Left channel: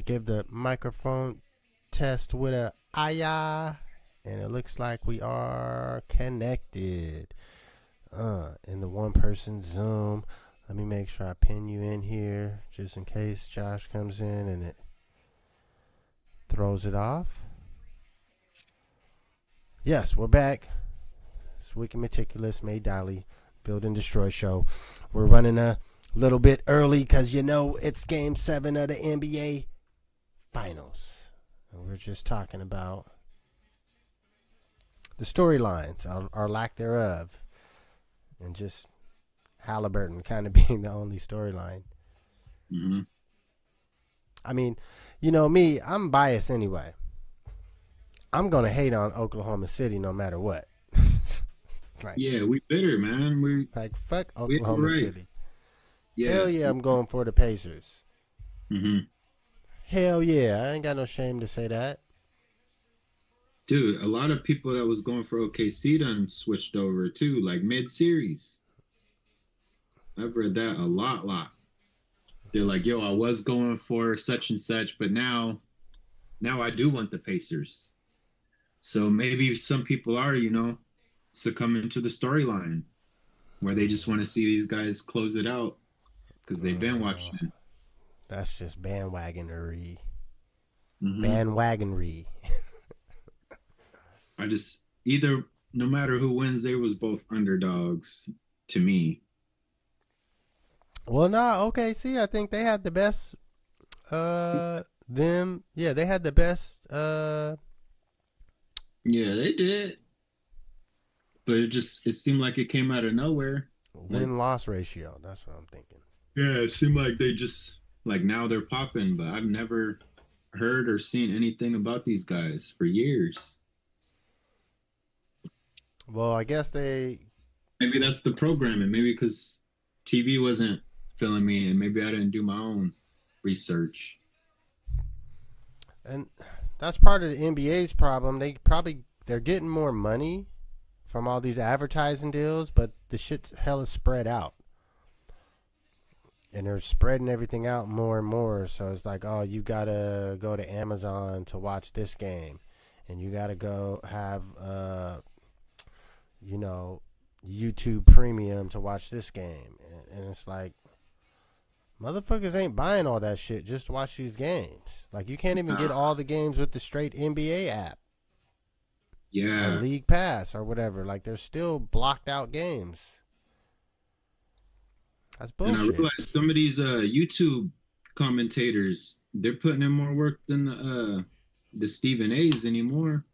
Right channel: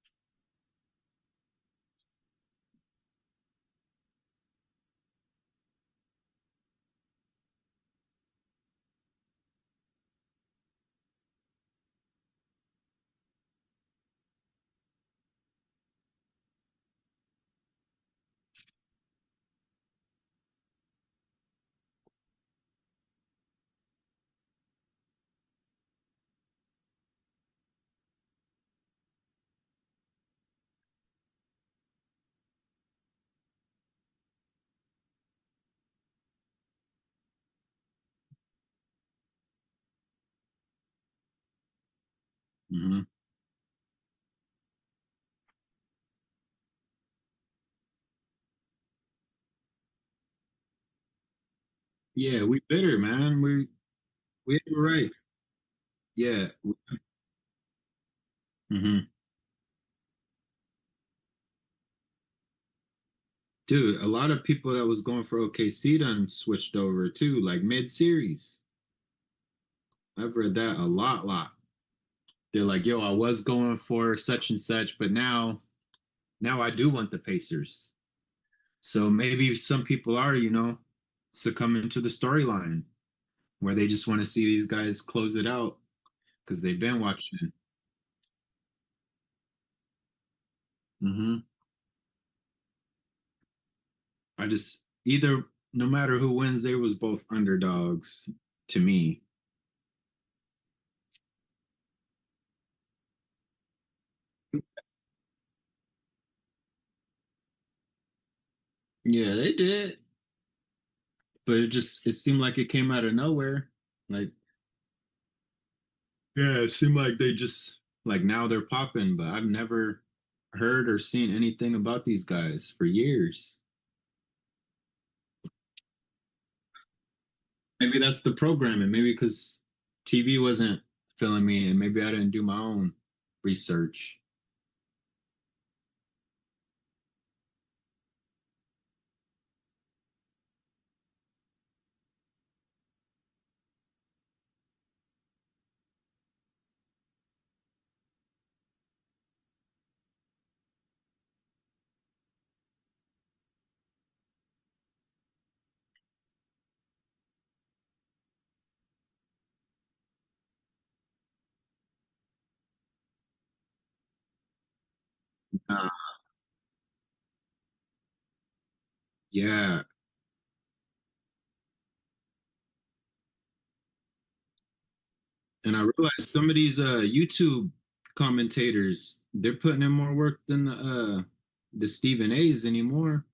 I give the microphone test with a aya, and it looks like we are connected. In the one person Zoom. Let me make sure I pin you in here just in case Josh comes in and it throws it off. Yes, we're back. It's Wicked Meticulous, May Dolly, Build and Destroy show. We're running a little bit early because it's Game 7 of the NBA Finals. And we're just talking about the storylines, or lack thereof, and just Halliburton kind of being the only storyline. Mm-hmm. I mean, you know me, I'm biased anyway. I'm going to hate on Oklahoma City no matter what. Yeah, we bitter, man. Fuck We Oklahoma right. City. Yeah. Hell yeah, I'm going for the Pacers. Mm-hmm. Hell yeah, I ain't got no shame to say that. Dude, a lot of people that was going for OKC done switched over too, like mid-series. I've read that a lot. They're like, yo, I was going for such and such, but now I do want the Pacers. So maybe some people are, succumbing to the storyline where they just want to see these guys close it out because they've been watching. That's just bandwagonery. Mm-hmm. Bandwagonery. I just no matter who wins, they was both underdogs to me. Well, no, OKC, I think they had the best. They had the best. Yeah, they did, but it seemed like it came out of nowhere. Win loss ratio. That's what I'm thinking. Yeah, it seemed like they just like now they're popping, but I've never heard or seen anything about these guys for years. Well, I guess maybe that's the programming. Maybe because TV wasn't filling me, and maybe I didn't do my own research. And that's part of the NBA's problem. They're getting more money from all these advertising deals, but the shit's hella spread out. And they're spreading everything out more and more. So it's like, oh, you gotta go to Amazon to watch this game, and you gotta go have YouTube Premium to watch this game. And it's like, motherfuckers ain't buying all that shit just to watch these games. Like, you can't even get all the games with the straight NBA app. Yeah. Or League Pass or whatever. Like, there's still blocked out games. That's bullshit. And I realize some of these YouTube commentators, they're putting in more work than the Stephen A's anymore.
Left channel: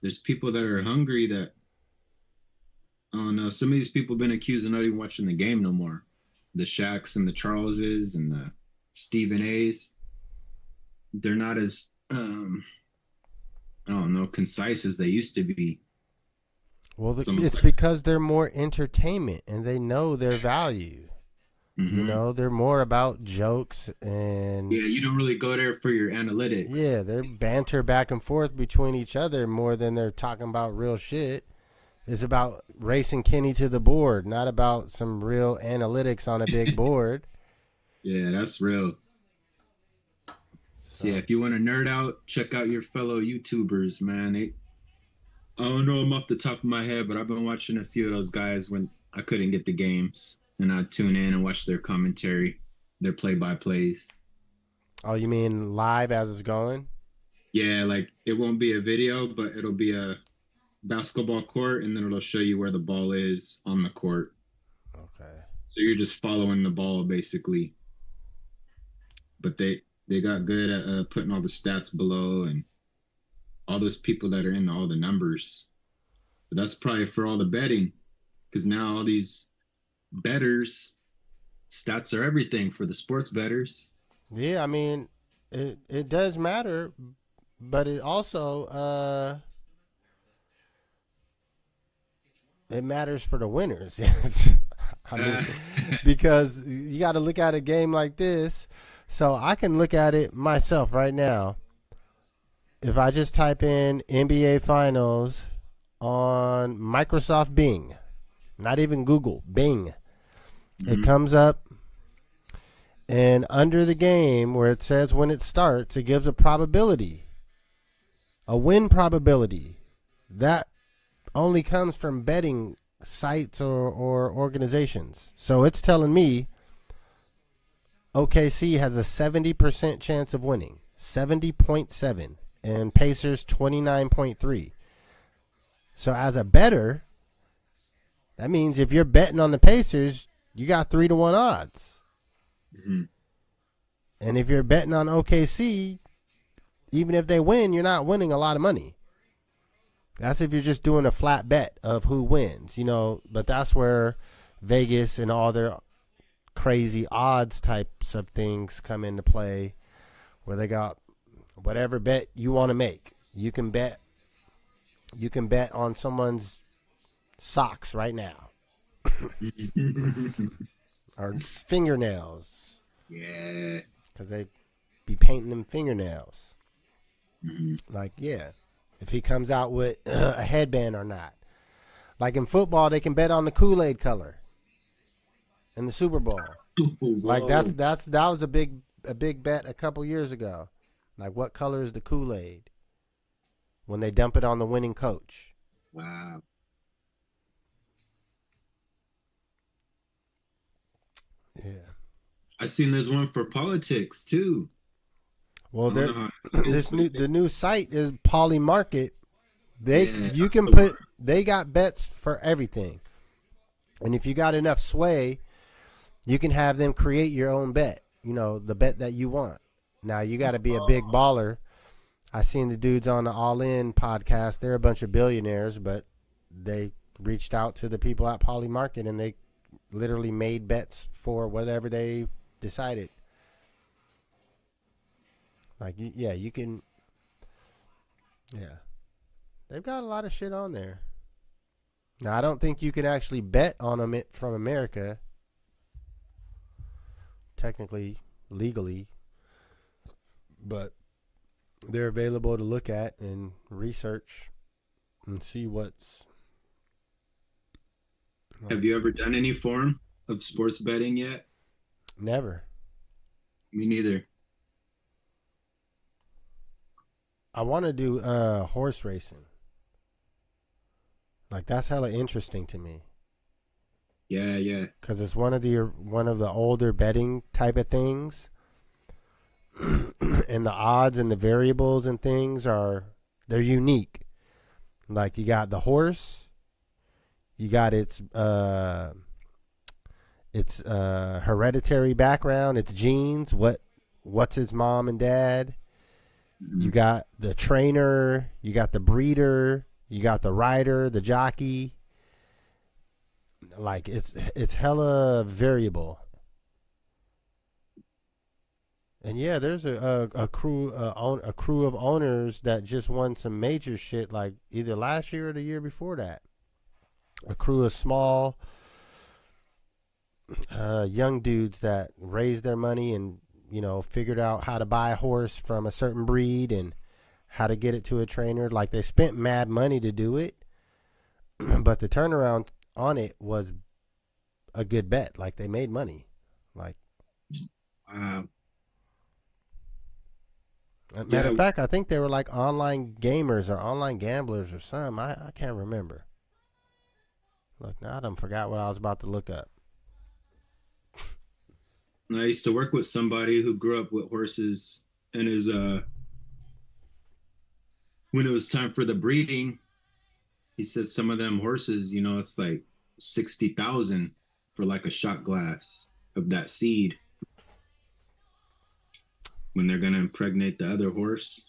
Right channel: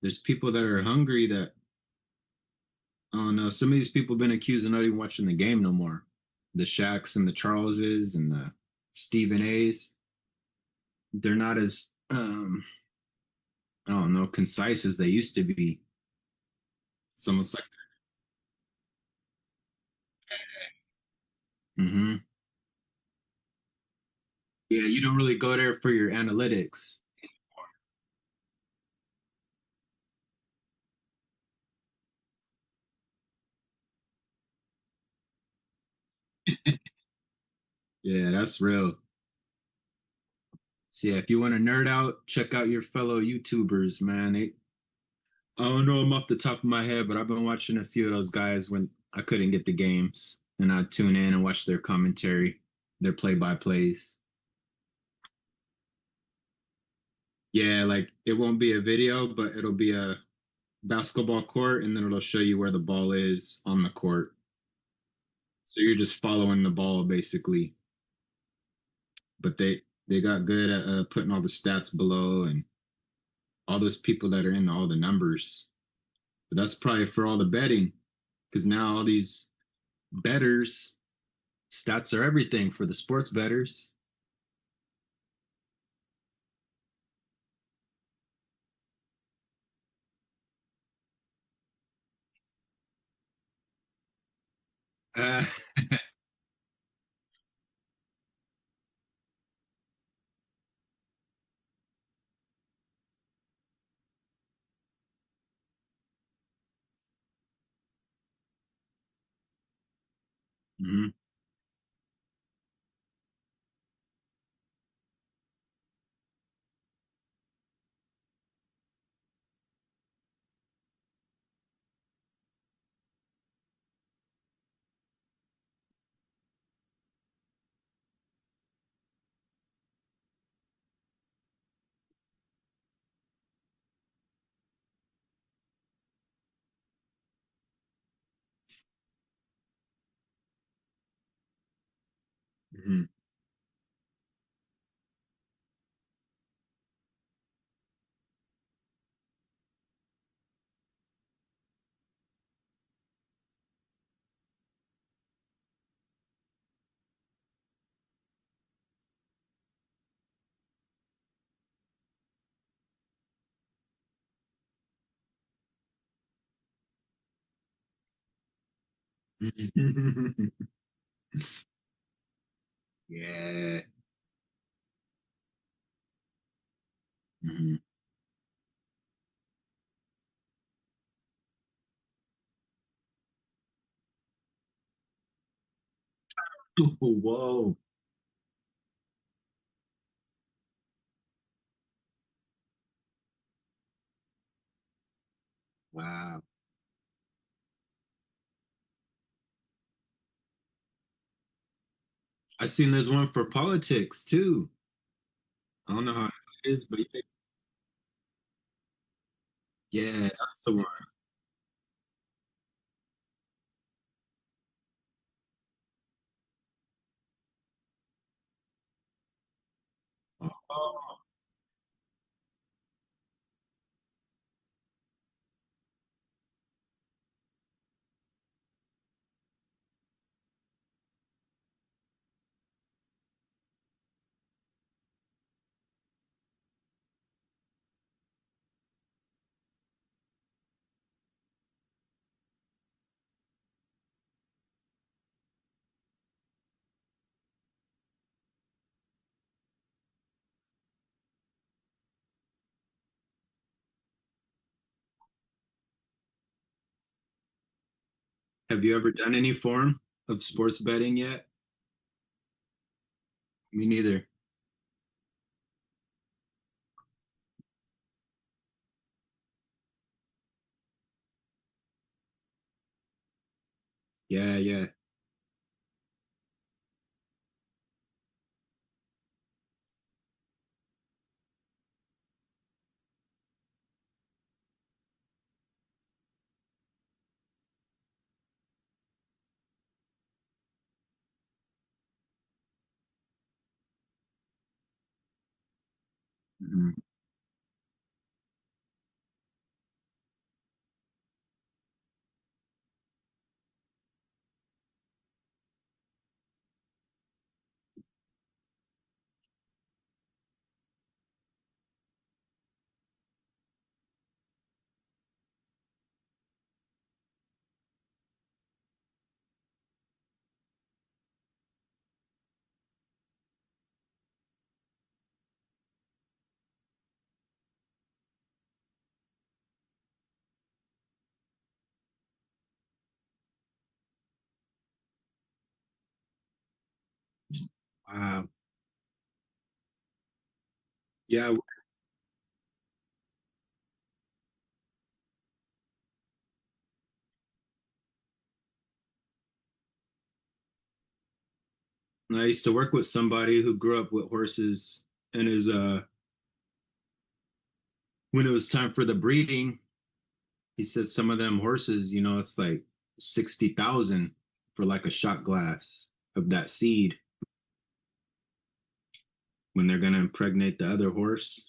There's people that are hungry that, I don't know, some of these people have been accused of not even watching the game no more. The Shaqs and the Charleses and the Stephen A's. They're not as, I don't know, concise as they used to be. Well, it's because they're more entertainment and they know their value. Mm-hmm. They're more about jokes and... Yeah, you don't really go there for your analytics. Yeah, they're banter back and forth between each other more than they're talking about real shit. It's about racing Kenny to the board, not about some real analytics on a big board. Yeah, that's real. So yeah, if you want to nerd out, check out your fellow YouTubers, man. I don't know them off the top of my head, but I've been watching a few of those guys when I couldn't get the games, and I'd tune in and watch their commentary, their play-by-plays. Oh, you mean live as it's going? Yeah, like it won't be a video, but it'll be a basketball court, and then it'll show you where the ball is on the court. Okay. So you're just following the ball, basically. But they got good at putting all the stats below and all those people that are in all the numbers. But that's probably for all the betting, because now all these bettors, stats are everything for the sports bettors. Yeah, I mean, it does matter, but it also it matters for the winners. Because you got to look at a game like this. So I can look at it myself right now. If I just type in NBA Finals on Microsoft Bing, not even Google, Bing, it comes up And under the game where it says when it starts, it gives a probability, a win probability. That only comes from betting sites or organizations. So it's telling me OKC has a 70% chance of winning, 70.7, and Pacers 29.3. So as a bettor, that means if you're betting on the Pacers, you got 3-1 odds. Mm-hmm. And if you're betting on OKC, even if they win, you're not winning a lot of money. That's if you're just doing a flat bet of who wins, but that's where Vegas and all their crazy odds types of things come into play, where they got whatever bet you want to make. You can bet on someone's socks right now or fingernails. Yeah. Because they be painting them fingernails. Mm-hmm. Like, yeah, if he comes out with a headband or not. Like in football, they can bet on the Kool-Aid color in the Super Bowl. Like that was a big bet a couple years ago. Like, what color is the Kool-Aid when they dump it on the winning coach? Wow. Yeah. I seen there's one for politics too. Well, I don't know how it is, the new site is Poly Market. You can put. they got bets for everything, and if you got enough sway, you can have them create your own bet. The bet that you want. Now you got to be a big baller. I seen the dudes on the All In podcast. They're a bunch of billionaires, but they reached out to the people at Poly Market and they literally made bets for whatever they decided. Like, yeah, you can. Yeah. They've got a lot of shit on there. Now, I don't think you can actually bet on them from America, technically, legally, but they're available to look at and research and see what's. Have you ever done any form of sports betting yet? Never. Me neither. I want to do horse racing. Like, that's hella interesting to me. Yeah, yeah. Because it's one of the older betting type of things, and the odds and the variables and things they're unique. Like, you got the horse, you got its hereditary background, its genes, what's his mom and dad. Mm-hmm. You got the trainer, you got the breeder, you got the rider, the jockey. Like, it's hella variable. And yeah, there's a crew of owners that just won some major shit, like either last year or the year before that. A crew of small young dudes that raised their money and figured out how to buy a horse from a certain breed and how to get it to a trainer. Like, they spent mad money to do it, but the turnaround on it was a good bet. Like, they made money. Like, wow. Matter of fact, I think they were like online gamers or online gamblers or something. I can't remember. Look, now I done forgot what I was about to look up. I used to work with somebody who grew up with horses, and when it was time for the breeding, he said some of them horses, it's like 60,000 for like a shot glass of that seed when they're gonna impregnate the other horse.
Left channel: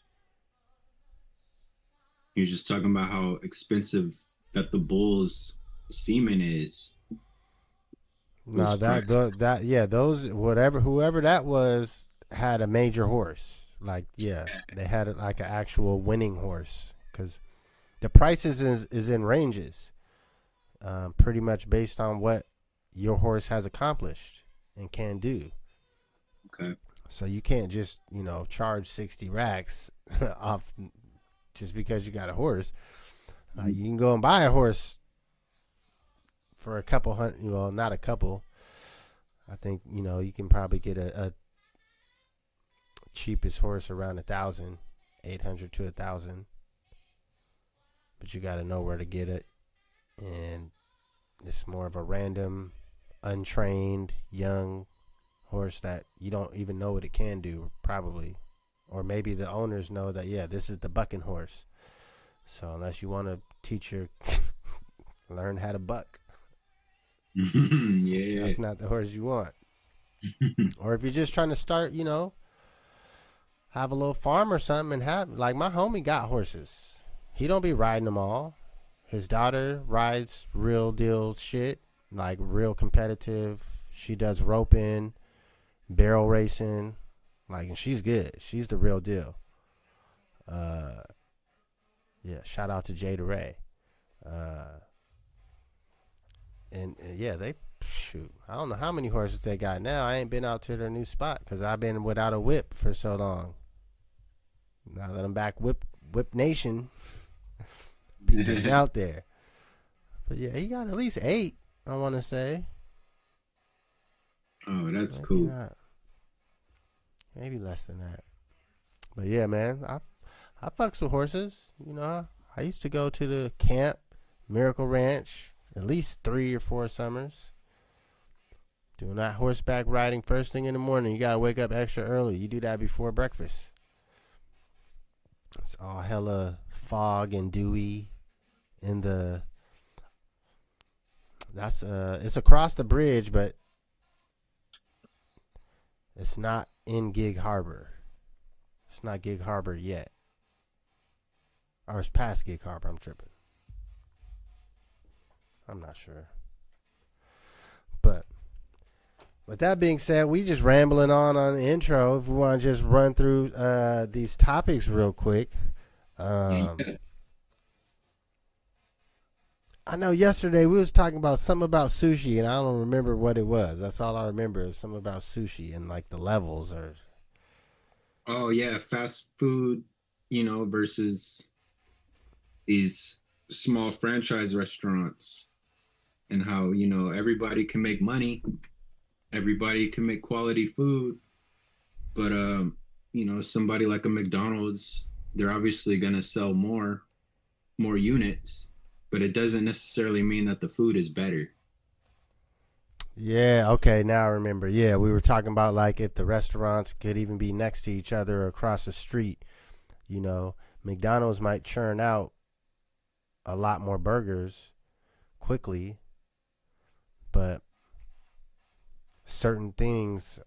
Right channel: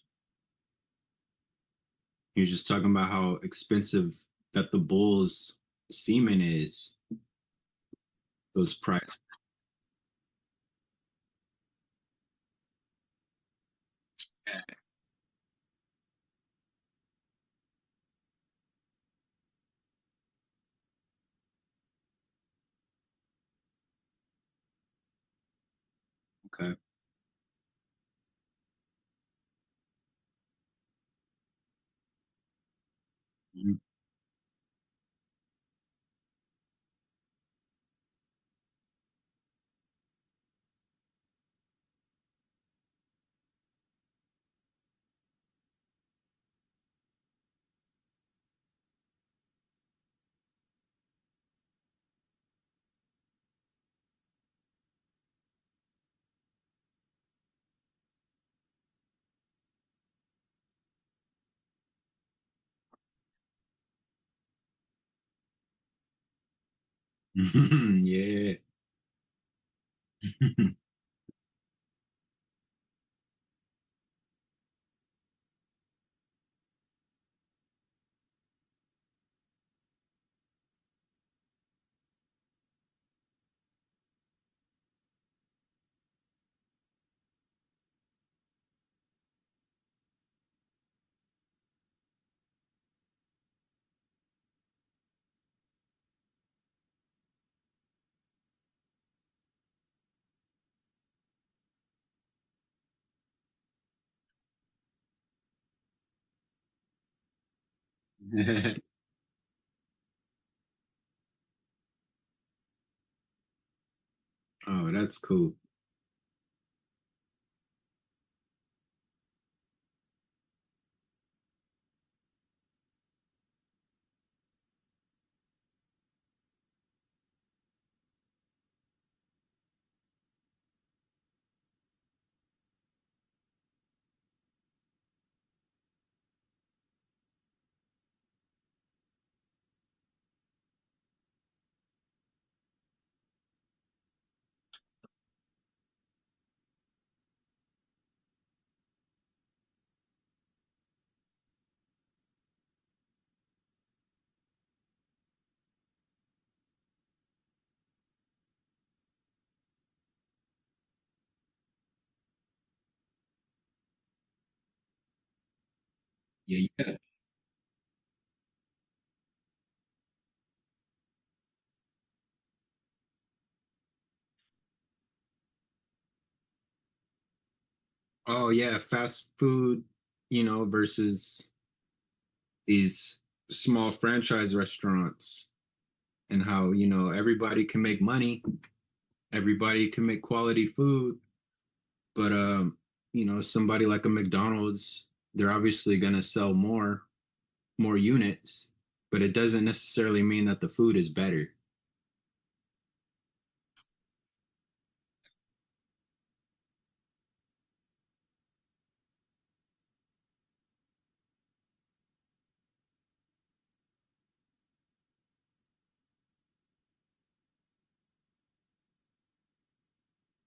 He was just talking about how expensive that the bull's semen is. No, those whoever that was had a major horse. Like, yeah, they had it like an actual winning horse, because the prices is in ranges, pretty much based on what your horse has accomplished and can do. Okay. So you can't just charge 60 racks off just because you got a horse. You can go and buy a horse for a couple hundred. Well, not a couple. I think you can probably get a cheapest horse around 1,000, 800 to 1,000, but you got to know where to get it, and it's more of a random, untrained young horse that you don't even know what it can do, probably, or maybe the owners know that this is the bucking horse. So unless you want to teach your learn how to buck, Yeah. that's not the horse you want. Or if you're just trying to start, have a little farm or something, and have like my homie got horses. He don't be riding them all. His daughter rides real deal shit, like real competitive. She does roping, barrel racing, like, and she's good. She's the real deal. Yeah, shout out to Jada Ray. And yeah, they shoot. I don't know how many horses they got now. I ain't been out to their new spot because I've been without a whip for so long. Now that I'm back, whip nation, be getting out there. But yeah, he got at least 8. I want to say. Oh, that's Maybe cool. not. Maybe less than that. But yeah, man, I fucks with horses. I used to go to the camp, Miracle Ranch, at least 3 or 4 summers. Doing that horseback riding first thing in the morning. You gotta wake up extra early. You do that before breakfast. It's all hella fog and dewy in the. It's across the bridge, but it's not in Gig Harbor. It's not Gig Harbor yet. Or it's past Gig Harbor. I'm tripping. I'm not sure. But with that being said, we just rambling on the intro. If we want to just run through these topics real quick. Yeah. I know yesterday we was talking about something about sushi, and I don't remember what it was. That's all I remember is something about sushi and like the levels or. Oh yeah, fast food, versus these small franchise restaurants, and how, everybody can make money, everybody can make quality food, but somebody like a McDonald's, they're obviously going to sell more units, but it doesn't necessarily mean that the food is better. Yeah, okay, now I remember. Yeah, we were talking about like if the restaurants could even be next to each other or across the street. McDonald's might churn out a lot more burgers quickly, but certain things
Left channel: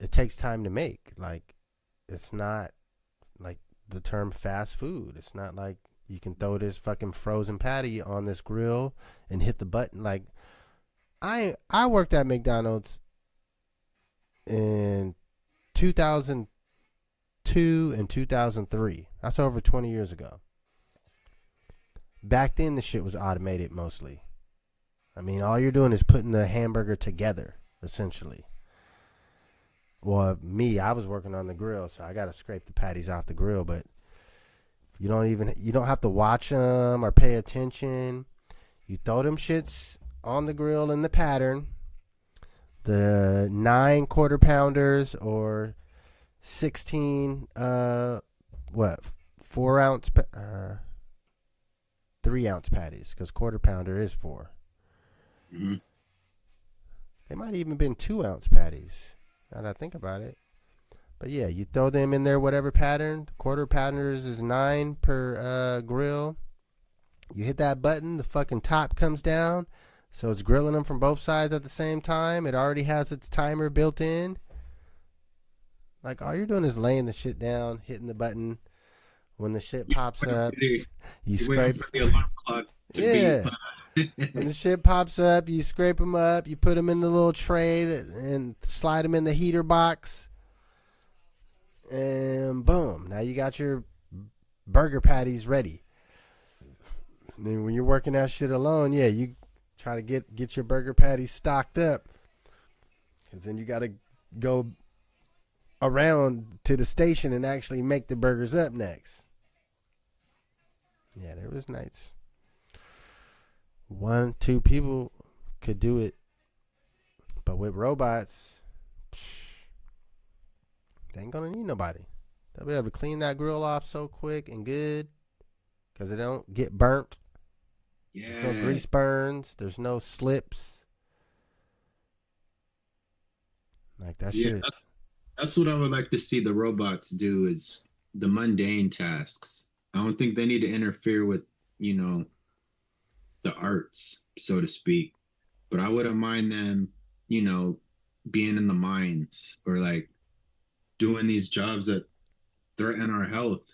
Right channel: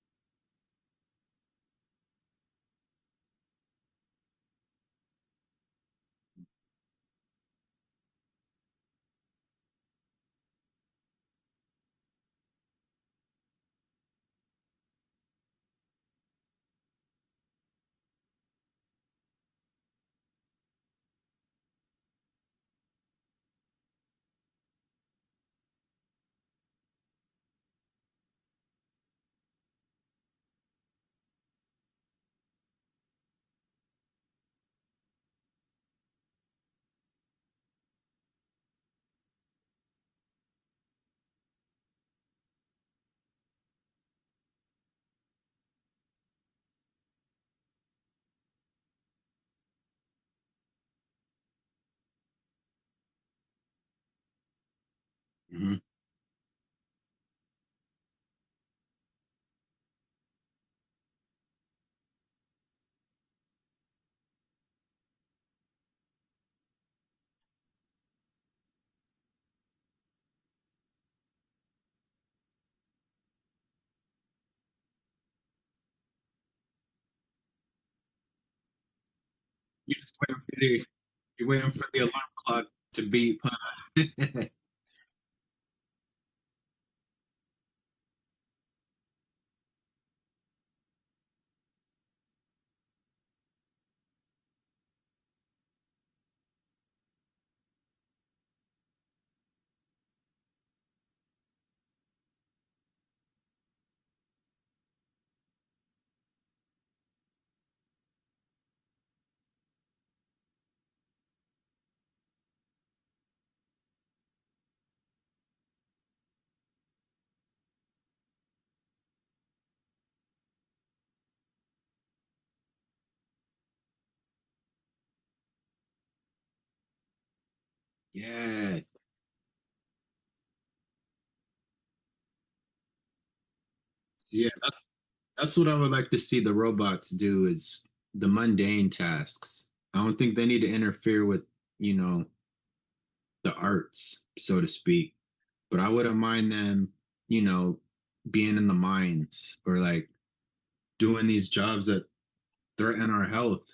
it takes time to make. Like, it's not like the term fast food. It's not like you can throw this fucking frozen patty on this grill and hit the button. Like, I worked at McDonald's in 2002 and 2003. That's over 20 years ago. Back then, the shit was automated mostly. I mean, all you're doing is putting the hamburger together, essentially. Well, I was working on the grill, so I got to scrape the patties off the grill, but you don't have to watch them or pay attention. You throw them shits on the grill in the pattern. The 9 quarter pounders or 16 4 ounce 3 ounce patties, because quarter pounder is 4. Mm-hmm. They might even been 2 ounce patties, now that I think about it. But yeah, you throw them in there, whatever pattern. Quarter pounders is 9 per grill. You hit that button, the fucking top comes down, so it's grilling them from both sides at the same time. It already has its timer built in. Like, all you're doing is laying the shit down, hitting the button. When the shit pops up, you You're waiting scrape. for the alarm clock to beep. Yeah. When the shit pops up, you scrape them up. You put them in the little tray and slide them in the heater box. And boom, now you got your burger patties ready. And then when you're working that shit alone, yeah, you try to get your burger patties stocked up, because then you got to go around to the station and actually make the burgers up next. Yeah, there was nights 1, 2 people could do it But with robots, they ain't gonna need nobody. They'll be able to clean that grill off so quick and good because it don't get burnt. There's no Yeah. grease burns. There's no slips. Like that Yeah, shit. that's what I would like to see the robots do is the mundane tasks. I don't think they need to interfere with, you know, the arts, so to speak. But I wouldn't mind them, you know, being in the mines or like doing these jobs that threaten our health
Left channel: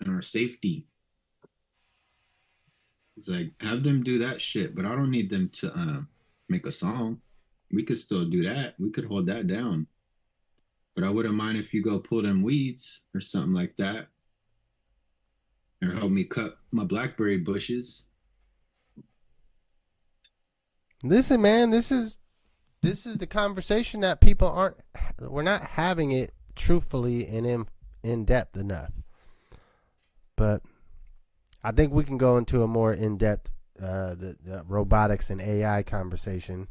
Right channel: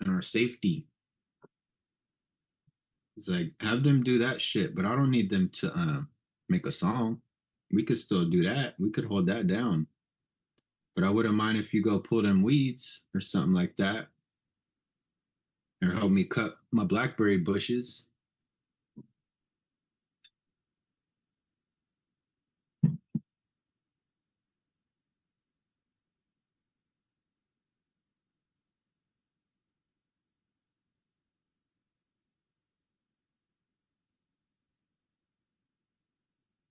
and our safety. It's like have them do that shit, but I don't need them to make a song. We could still do that. We could hold that down. But I wouldn't mind if you go pull them weeds or something like that, or help me cut my blackberry bushes. Listen, man, this is the conversation that people aren't. We're not having it truthfully and in depth enough. But I think we can go into a more in depth the robotics and AI conversation.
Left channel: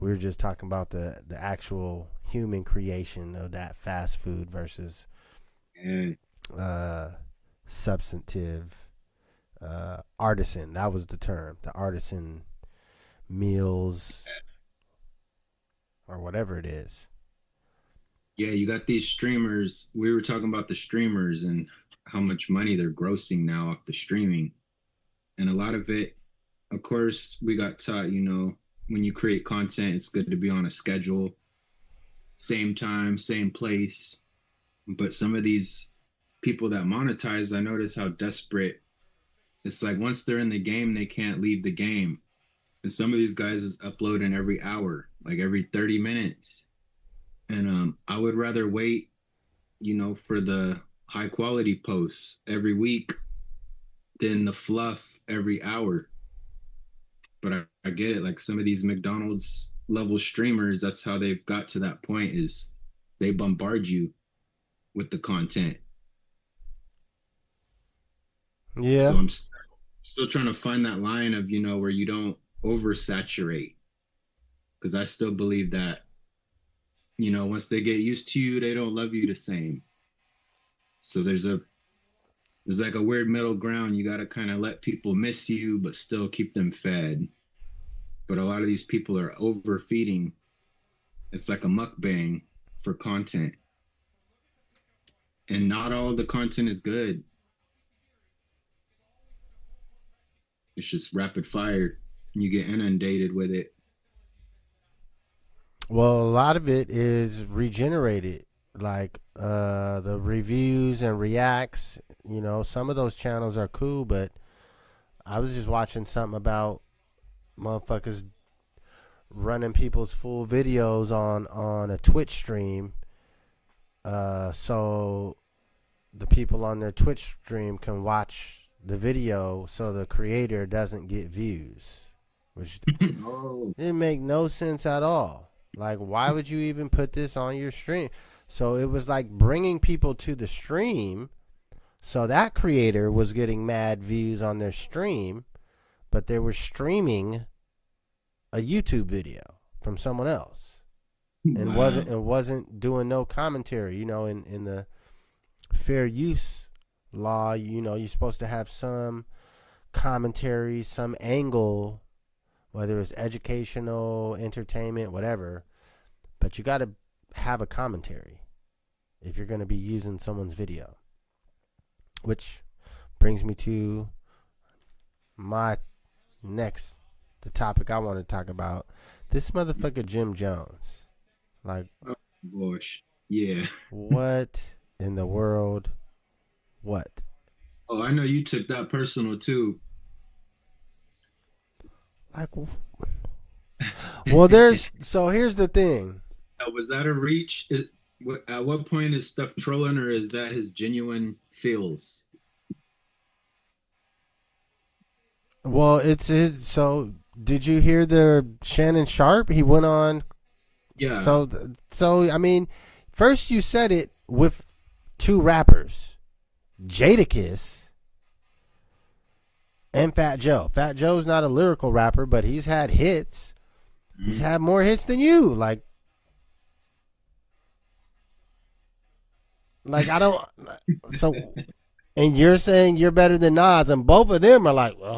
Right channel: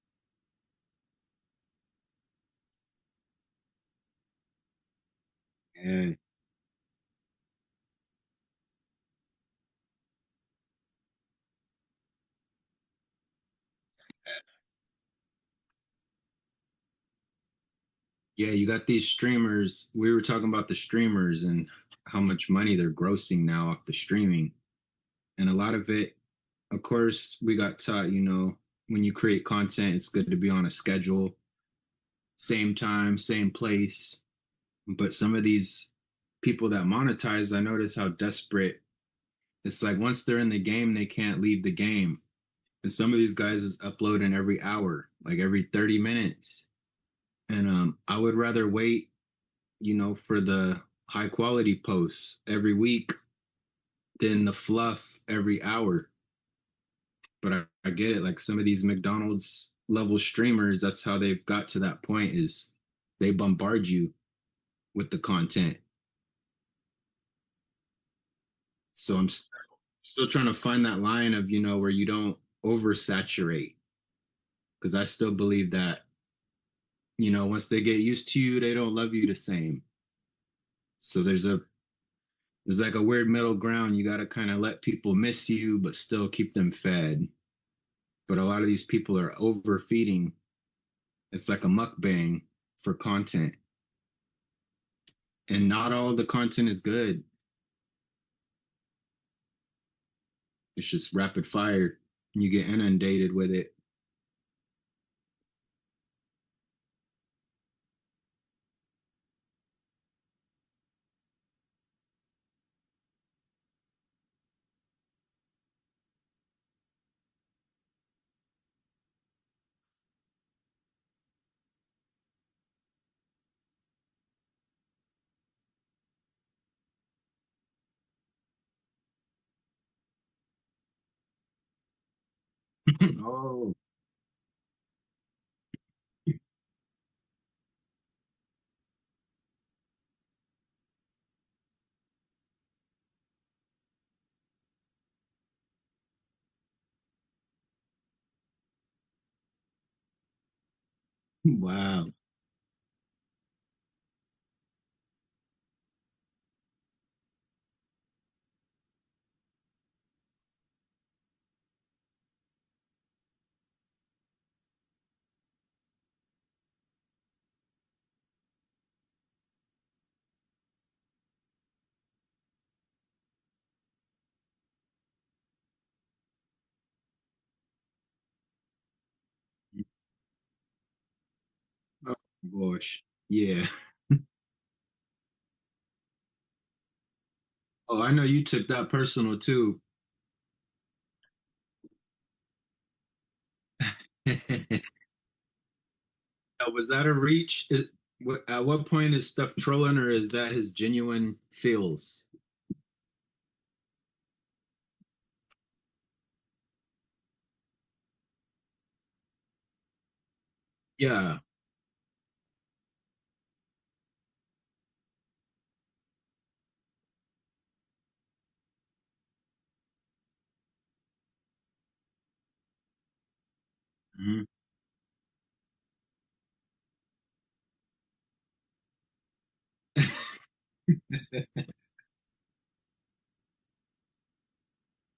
We were just talking about the actual human creation of that fast food versus And uh, substantive artisan. That was the term. The artisan meals or whatever it is. yeah, you got these streamers. We were talking about the streamers and how much money they're grossing now off the streaming. And a lot of it, of course, we got taught, you know, when you create content, it's good to be on a schedule, same time, same place. But some of these people that monetize, I notice how desperate it's like once they're in the game, they can't leave the game. And some of these guys is uploading every hour, like every 30 minutes. And I would rather wait, you know, for the high quality posts every week than the fluff every hour. But I get it. Like some of these McDonald's level streamers, that's how they've got to that point is they bombard you with the content. Yeah. So I'm still trying to find that line of, you know, where you don't oversaturate. Because I still believe that, you know, once they get used to you, they don't love you the same. So there's like a weird middle ground. You got to kind of let people miss you, but still keep them fed. But a lot of these people are overfeeding. It's like a mukbang for content. And not all the content is good. It's just rapid fire. You get inundated with it. Well, a lot of it is regenerated, like the reviews and reacts. You know, some of those channels are cool, but I was just watching something about motherfuckers running people's full videos on a Twitch stream, so the people on their Twitch stream can watch the video, so the creator doesn't get views, which Oh, didn't make no sense at all. Like, why would you even put this on your stream? So it was like bringing people to the stream. So that creator was getting mad views on their stream, but they were streaming a YouTube video from someone else, and wow. wasn't doing no commentary. You know, in the fair use law, you know, you're supposed to have some commentary, some angle, whether it's educational, entertainment, whatever. But you got to have a commentary if you're going to be using someone's video. Which brings me to my the topic I want to talk about. This motherfucker Jim Jones. Like, Oh, gosh. Yeah. what in the world? What? Oh, I know you took that personal too. Like, well, there's so here's the thing. Was that a reach? At what point is stuff trolling, or is that his genuine feels? Well, it's his. So, did you hear the Shannon Sharp? He went on. Yeah. So I mean, first you said it with two rappers, Jadakiss and Fat Joe. Fat Joe's not a lyrical rapper, but he's had hits. He's Mhm. had more hits than you. Like, Like I don't. So, and you're saying you're better than Nas, and both of them are like, well,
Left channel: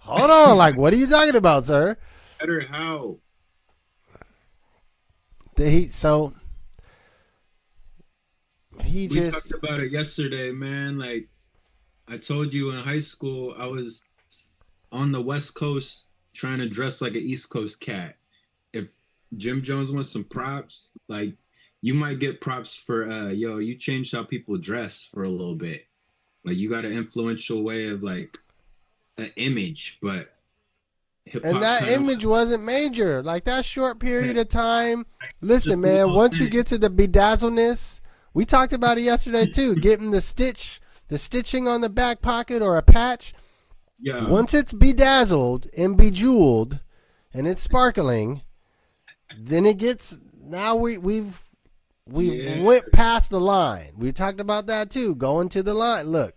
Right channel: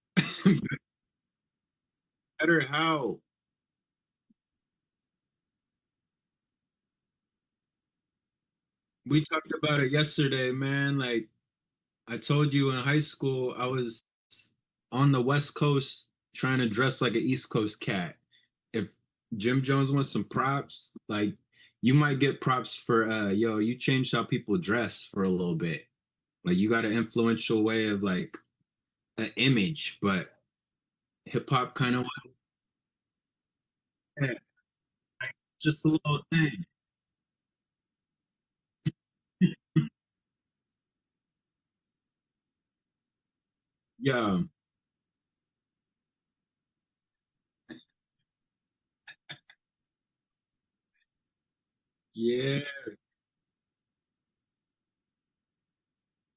hold on. Like, what are you talking about, sir? Better how? So he We just talked about it yesterday, man. Like I told you in high school, I was on the West Coast trying to dress like an East Coast cat. If Jim Jones wants some props, like you might get props for yo, you changed how people dress for a little bit. Like you got an influential way of like an image, but hip and hop that kind of image wasn't major. Like that short period went of time. Listen, just a man. little Once you thing. get to the bedazzleness, we talked about it yesterday too. Getting the stitching on the back pocket or a patch. Yeah, Once it's bedazzled and bejeweled, and it's sparkling, then it gets. Now we've yeah, went past the line. We talked about that too. Going to the line. Look,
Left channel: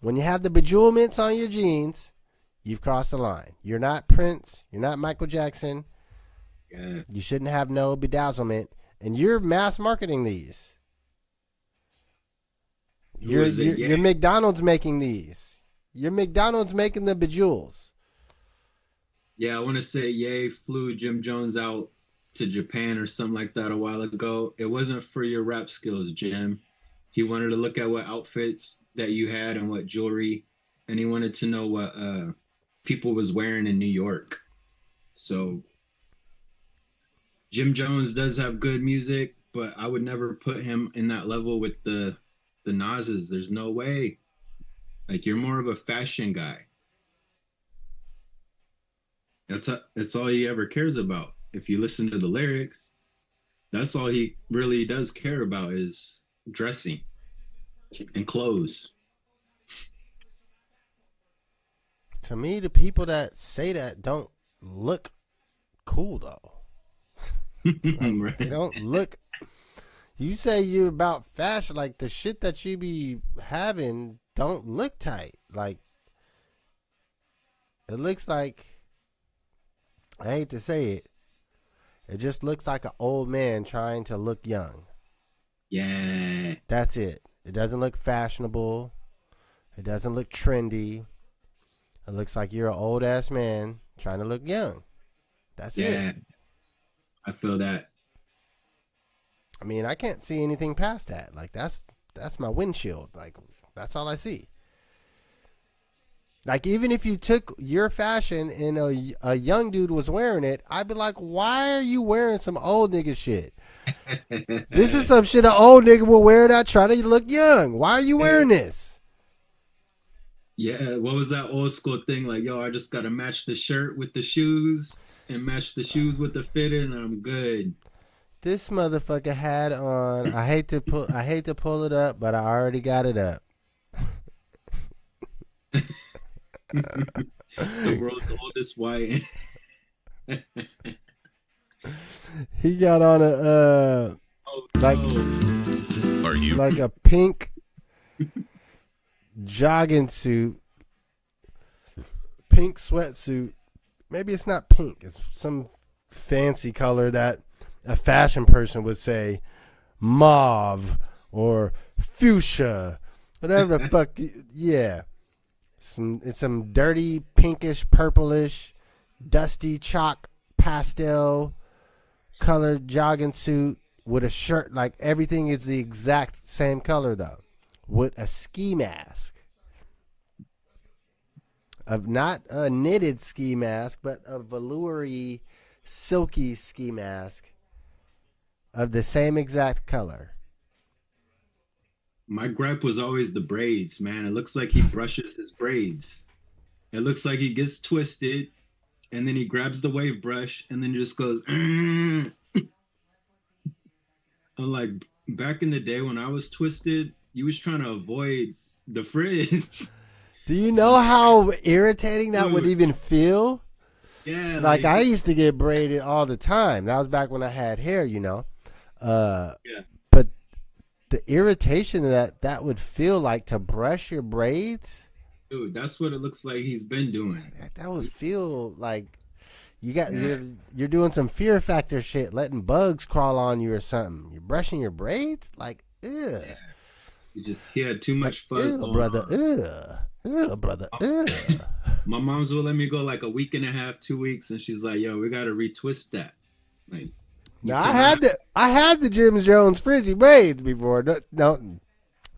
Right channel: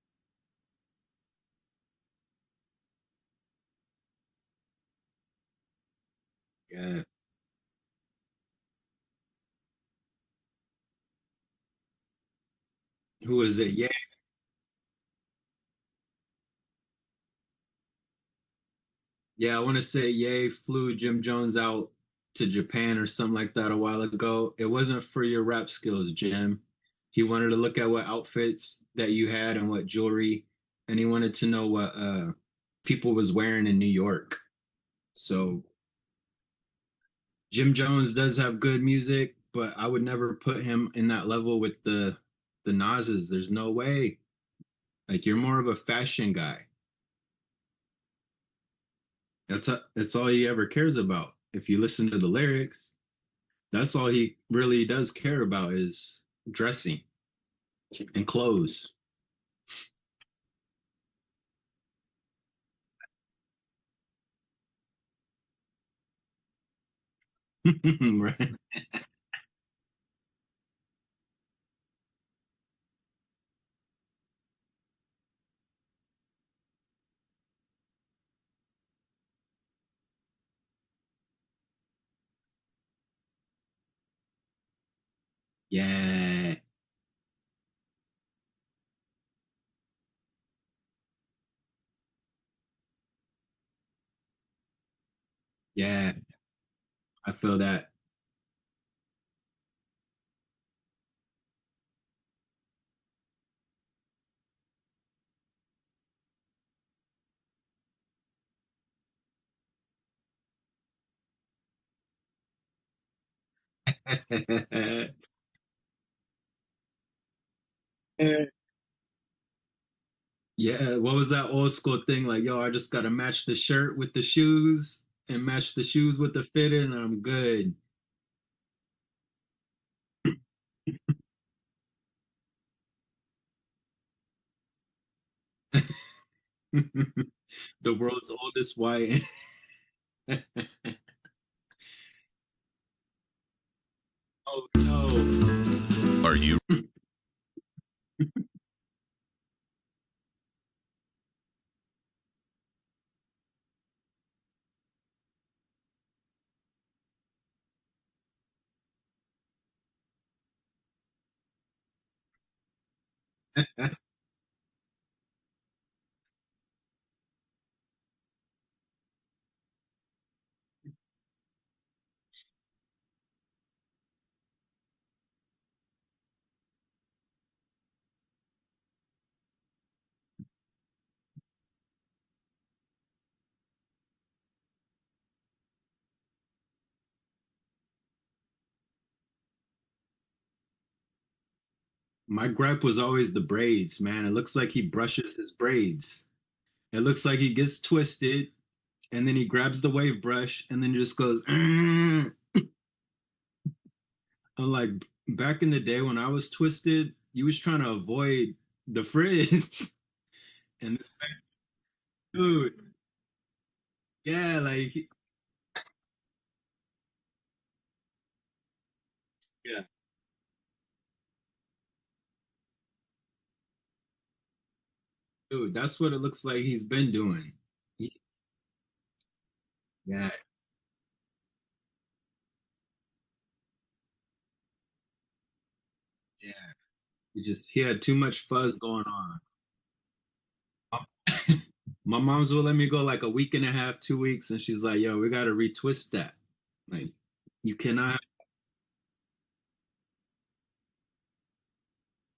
when you have the bejewelments on your jeans, you've crossed the line. You're not Prince. You're not Michael Jackson. yeah. You shouldn't have no bedazzlement, and you're mass marketing these. Who was it? Yeah, You're McDonald's making these. You're McDonald's making the bejewels. yeah. I want to say Ye flew Jim Jones out to Japan or something like that a while ago. It wasn't for your rap skills, Jim. He wanted to look at what outfits that you had and what jewelry, and he wanted to know what people was wearing in New York. So Jim Jones does have good music, but I would never put him in that level with the Nas's. There's no way. Like you're more of a fashion guy. That's all he ever cares about. If you listen to the lyrics, that's all he really does care about is dressing and clothes. To me, the people that say that don't look cool though. Like they Right? don't look. You say you're about fashion, like the shit that you be having don't look tight. Like it looks like I hate to say it. It just looks like an old man trying to look young. Yeah, That's it. It doesn't look fashionable. It doesn't look trendy. It looks like you're an old ass man trying to look young. That's it. yeah. I feel that. I mean, I can't see anything past that. Like that's my windshield. Like that's all I see. Like even if you took your fashion and a young dude was wearing it, I'd be like, why are you wearing some old nigga shit? This is some shit an old nigga will wear that try to look young. Why are you wearing this? Yeah, what was that old school thing? Like, yo, I just gotta match the shirt with the shoes and match the shoes with the fitted, and I'm good. This motherfucker had on. I hate to pull it up, but I already got it up. The world's oldest white. He got on a Oh like no. Are you? like a pink jogging suit, pink sweatsuit. Maybe it's not pink. It's some fancy color that a fashion person would say mauve or fuchsia, whatever the fuck. Yeah, it's some dirty pinkish, purplish, dusty chalk pastel colored jogging suit with a shirt. Like everything is the exact same color though, with a ski mask. Of not a knitted ski mask, but a veloury, silky ski mask of the same exact color. My gripe was always the braids, man. It looks like he brushes his braids. It looks like he gets twisted and then he grabs the wave brush and then just goes, "Mm." I'm like, back in the day when I was twisted, you was trying to avoid the frizz. Do you know how irritating that would Dude, even feel? yeah, Like like, I used to get braided all the time. That was back when I had hair, you know. yeah, But the irritation that would feel like to brush your braids, dude, that's what it looks like he's been doing. that would feel like Yeah. You're doing some fear factor shit, letting bugs crawl on you or something. You're brushing your braids, like ugh, Yeah. He had too like much fuzz ugh, going brother, on. brother, My ugh. my mom's will let me go like a week and a half, 2 weeks, and she's like, "Yo, we gotta retwist that. Like, you Now cannot." I had the Jim Jones frizzy braids before. Don't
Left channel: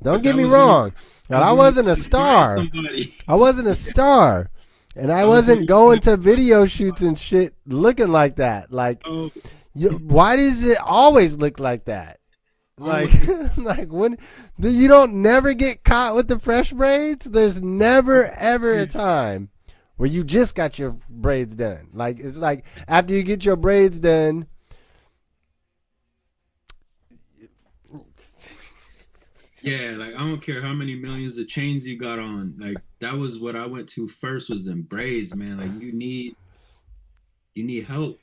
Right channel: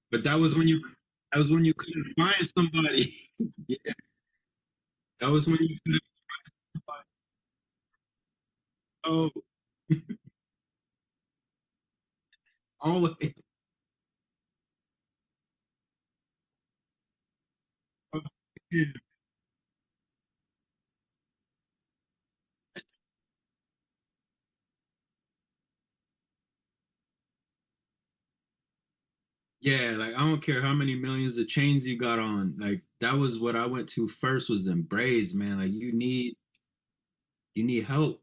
But get that me was when you wrong, that but was I when you wasn't a couldn't find star. somebody. I wasn't a Yeah, star, and I that was when wasn't you going couldn't to find video shoots somebody. and shit looking like that. Like, Oh, why does it always look like that? Like, always. like when you don't never get caught with the fresh braids. There's never ever a time where you just got your braids done. Like it's like after you get your braids done. Yeah, like I don't care how many millions of chains you got on. Like that was what I went to first was them braids, man. Like you need help.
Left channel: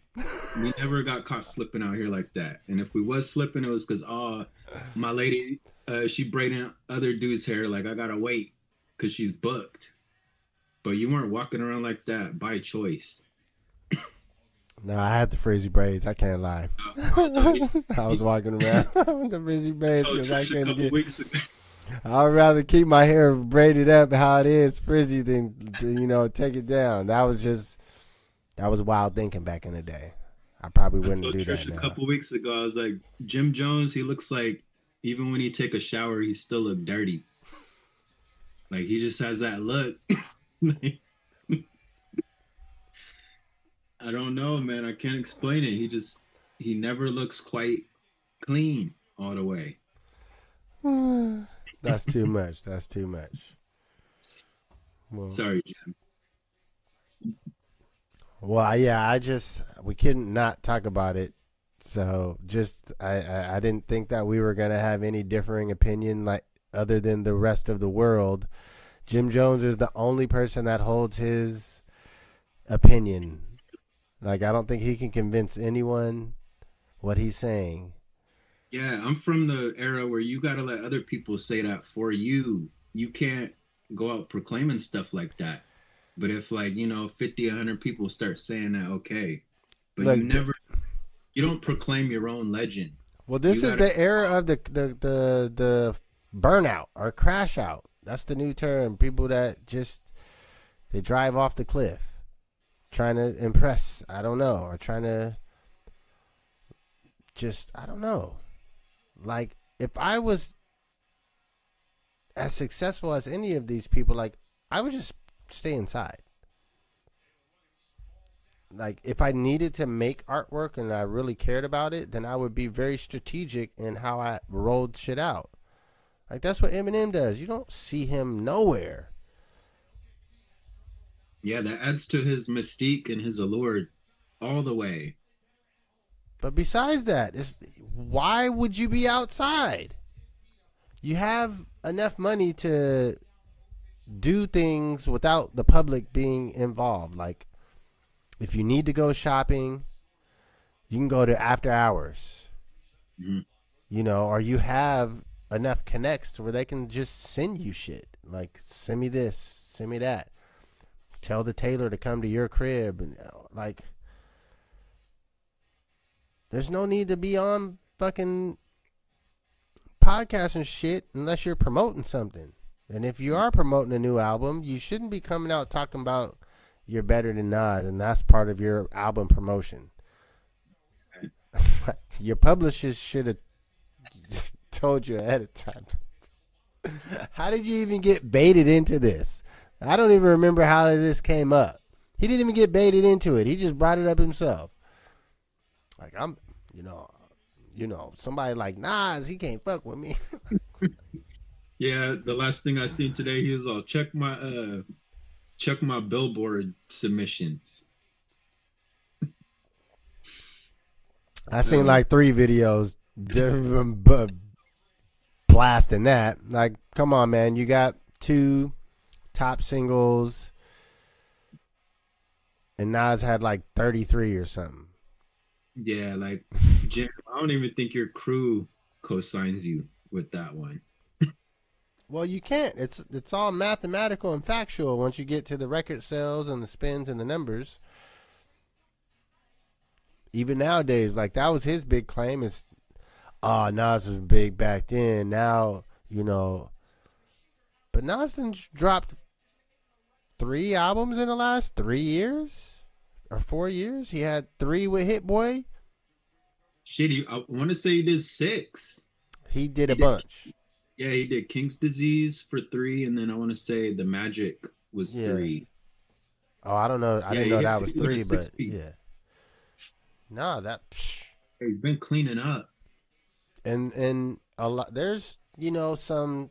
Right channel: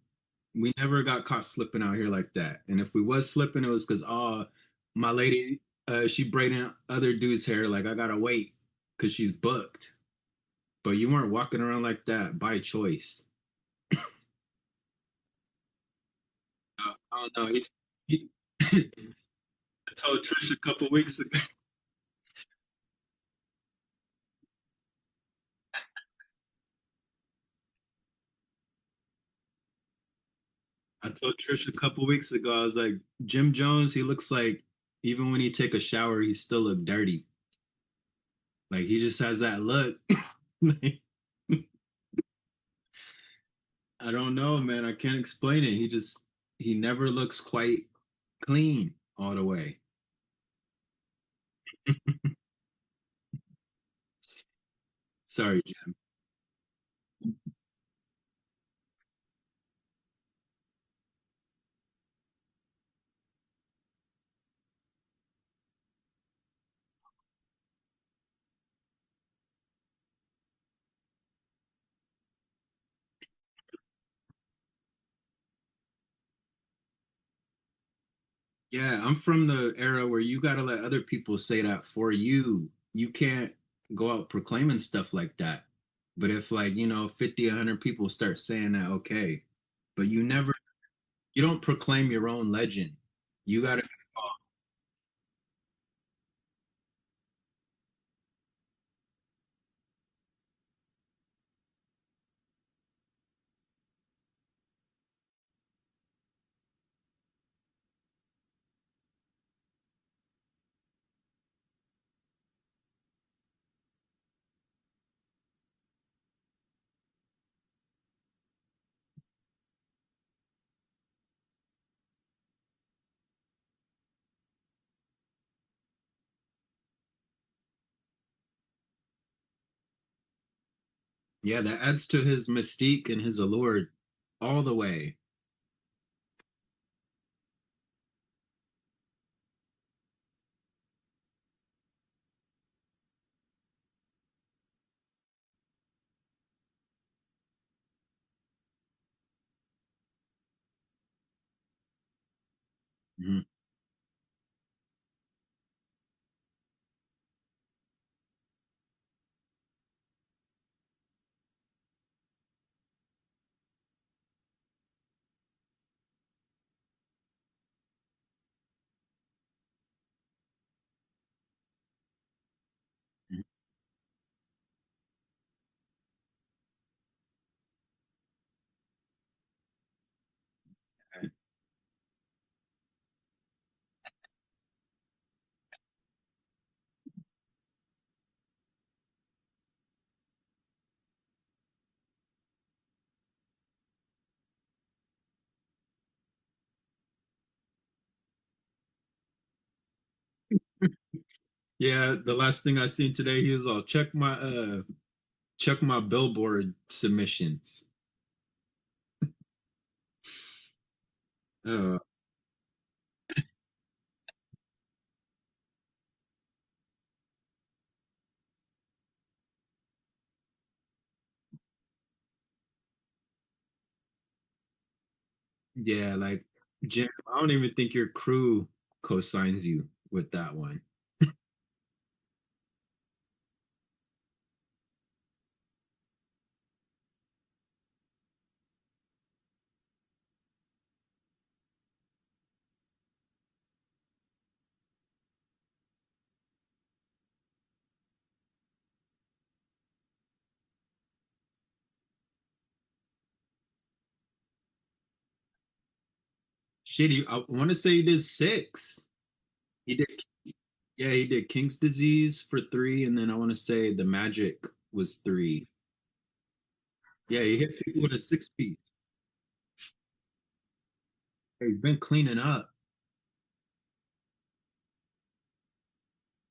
We never got caught slipping out here like that. And if we was slipping, it was because my lady she braiding other dudes' hair. Like I gotta wait because she's booked. But you weren't walking around like that by choice. No, I had the frizzy braids. I can't lie. I don't know. I was He walking around with the frizzy braids told because I Trish a couldn't couple get. weeks ago. I'd rather keep my hair braided up how it is, frizzy, than take it down. That was wild thinking back in the day. I probably I wouldn't told do that Trish a now. couple weeks ago, I was like, Jim Jones, he looks like even when he take a shower, he still look dirty. Like he just has that look. Like, I don't know, man. I can't explain it. He never looks quite clean all the way. That's too much. That's too much. Well, Sorry, Jim. yeah. We couldn't not talk about it. So just I didn't think that we were gonna have any differing opinion like other than the rest of the world. Jim Jones is the only person that holds his opinion. Like I don't think he can convince anyone what he's saying. Yeah, I'm from the era where you gotta let other people say that for you. You can't go out proclaiming stuff like that. But if like, 50, 100 people start saying that, okay. But Look, you don't proclaim your own legend. well, You this is gotta the era of the burnout or crash out. That's the new term. People that just they drive off the cliff, trying to impress. I don't know, or trying to just I don't know. Like if I was as successful as any of these people, like I would just stay inside. Like if I needed to make artwork and I really cared about it, then I would be very strategic in how I rolled shit out. Like that's what Eminem does. You don't see him nowhere. Yeah, that adds to his mystique and his allure all the way. But besides that, why would you be outside? You have enough money to do things without the public being involved. Like if you need to go shopping, you can go to after hours. Mhm. Or you have enough connects where they can just send you shit. Like send me this, send me that. Tell the tailor to come to your crib and like there's no need to be on fucking podcasts and shit unless you're promoting something. And if you are promoting a new album, you shouldn't be coming out talking about you're better than Nas, and that's part of your album promotion. Your publishers should have told you ahead of time. How did you even get baited into this? I don't even remember how this came up. He didn't even get baited into it. He just brought it up himself. Like I'm, somebody like Nas, he can't fuck with me. Yeah, the last thing I seen today, he was all check my Billboard submissions. I seen Uh, like 3 videos blasting that. Like, come on, man, you got 2 top singles, and Nas had like 33 or something. yeah, like Jim, I don't even think your crew co-signs you with that one. Well, you can't. It's all mathematical and factual once you get to the record sales and the spins and the numbers. Even nowadays, like that was his big claim is, Nas was big back then. Now, but Nas done dropped 3 albums in the last 3 years or 4 years. He had three with Hit Boy. Shit, I want to say he did six. He did He a did, bunch. yeah, he did King's Disease for three, and then I want to say The Magic was Yeah. three. Oh, I don't know. I Yeah, didn't he know hit that was people with a three, six but feet. yeah. Nah, that. He's been cleaning up. And a lot. There's some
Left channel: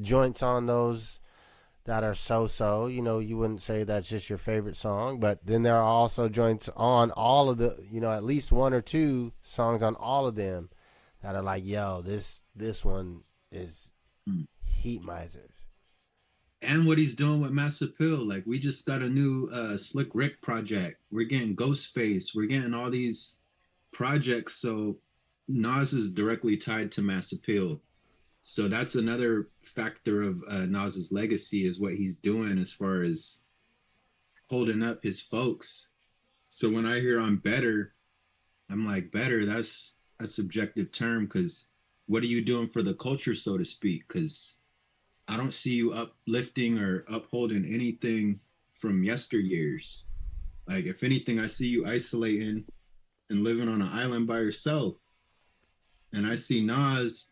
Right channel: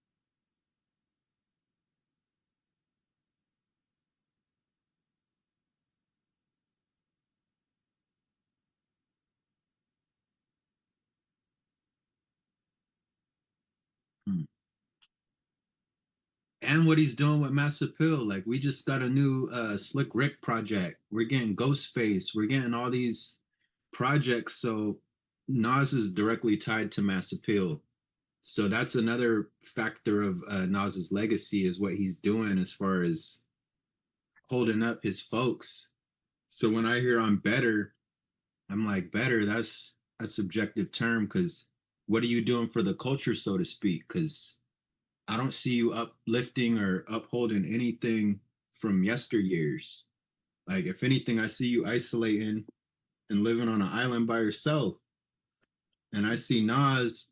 joints on those that are so. You wouldn't say that's just your favorite song, but then there are also joints on all of the. At least one or two songs on all of them that are like, yo, this one is Hmm. Heat Miser. And what he's doing with Mass Appeal. Like we just got a new Slick Rick project. We're getting Ghostface. We're getting all these projects. So Nas is directly tied to Mass Appeal. So that's another factor of Nas's legacy is what he's doing as far as holding up his folks. So when I hear I'm better, I'm like better. That's a subjective term because what are you doing for the culture, so to speak? Because I don't see you uplifting or upholding anything from yesteryears. Like if anything, I see you isolating and living on an island by yourself. And I see Nas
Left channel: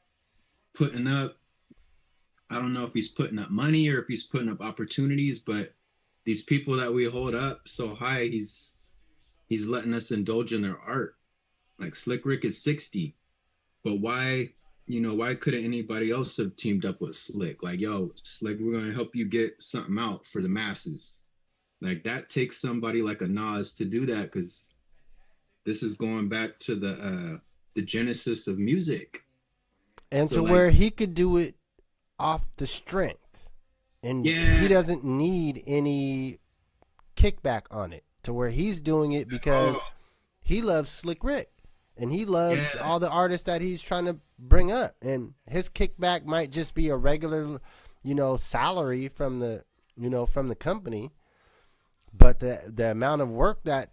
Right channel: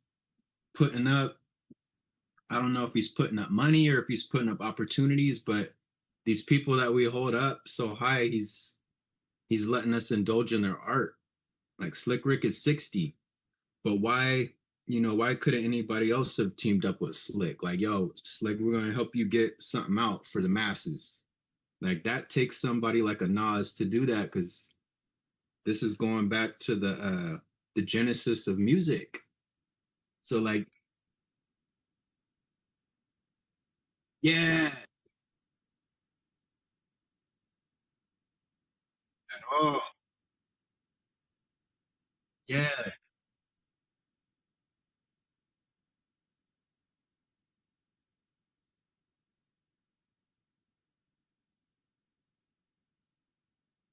putting up, I don't know if he's putting up money or if he's putting up opportunities, but these people that we hold up so high, he's letting us indulge in their art. Like Slick Rick is 60, but why couldn't anybody else have teamed up with Slick? Like, yo, Slick, we're gonna help you get something out for the masses. Like that takes somebody like a Nas to do that because this is going back to the genesis of music. And So to like, where he could do it off the strength, and he yeah, doesn't need any kickback on it. To where he's doing it oh because he loves Slick Rick, and he loves yeah, all the artists that he's trying to bring up. And his kickback might just be a regular, salary from the company, but the amount of work that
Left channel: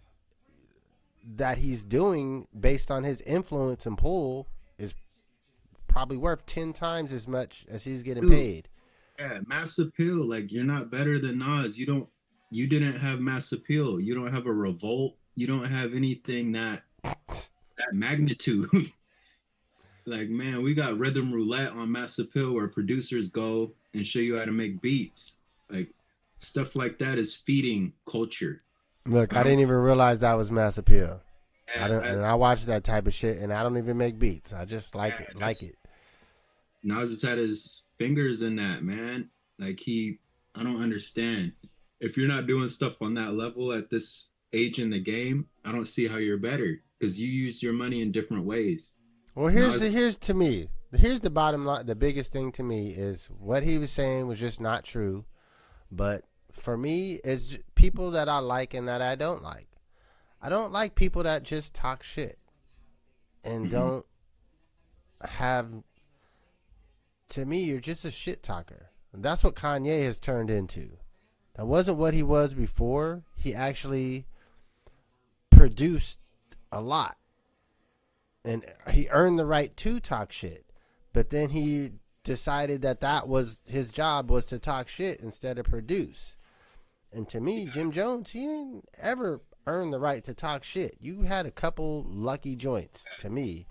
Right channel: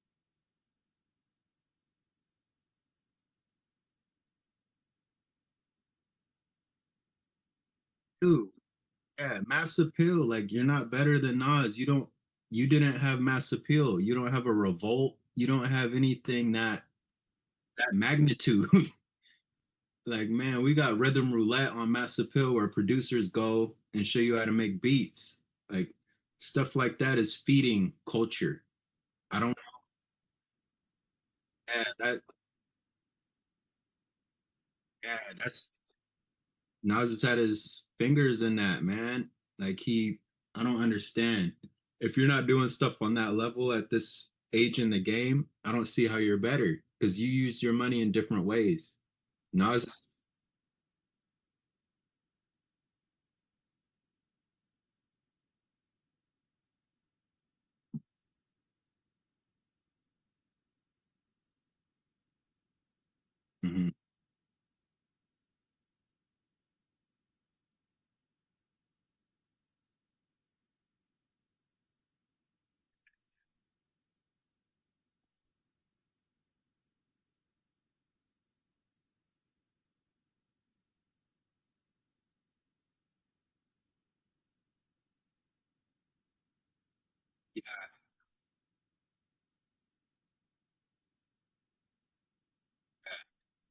he's doing based on his influence and pull is probably worth 10 times as much as he's getting dude, paid. yeah, mass appeal. Like you're not better than Nas. You didn't have mass appeal. You don't have a revolt. You don't have anything that magnitude. Like, man, we got rhythm roulette on Mass Appeal where producers go and show you how to make beats. Like stuff like that is feeding culture. Look, I I don't didn't even realize that was Mass Appeal. I yeah, don't, that and I watch that type of shit, and I don't even make beats. I just like yeah, it, like that's it. Nas has had his fingers in that, man. Like I don't understand. If you're not doing stuff on that level at this age in the game, I don't see how you're better because you use your money in different ways. Well, Nas, here's the bottom line. The biggest thing to me is what he was saying was just not true. But for me, it's people that I like and that I don't like. I don't like people that just talk shit and mhm. don't have. To me, you're just a shit talker. And that's what Kanye has turned into. That wasn't what he was before. He actually produced a lot, and he earned the right to talk shit. But then he decided that was his job, was to talk shit instead of produce. And to me, Jim Jones, he didn't ever earn the right to talk shit. You had a couple lucky joints. To me,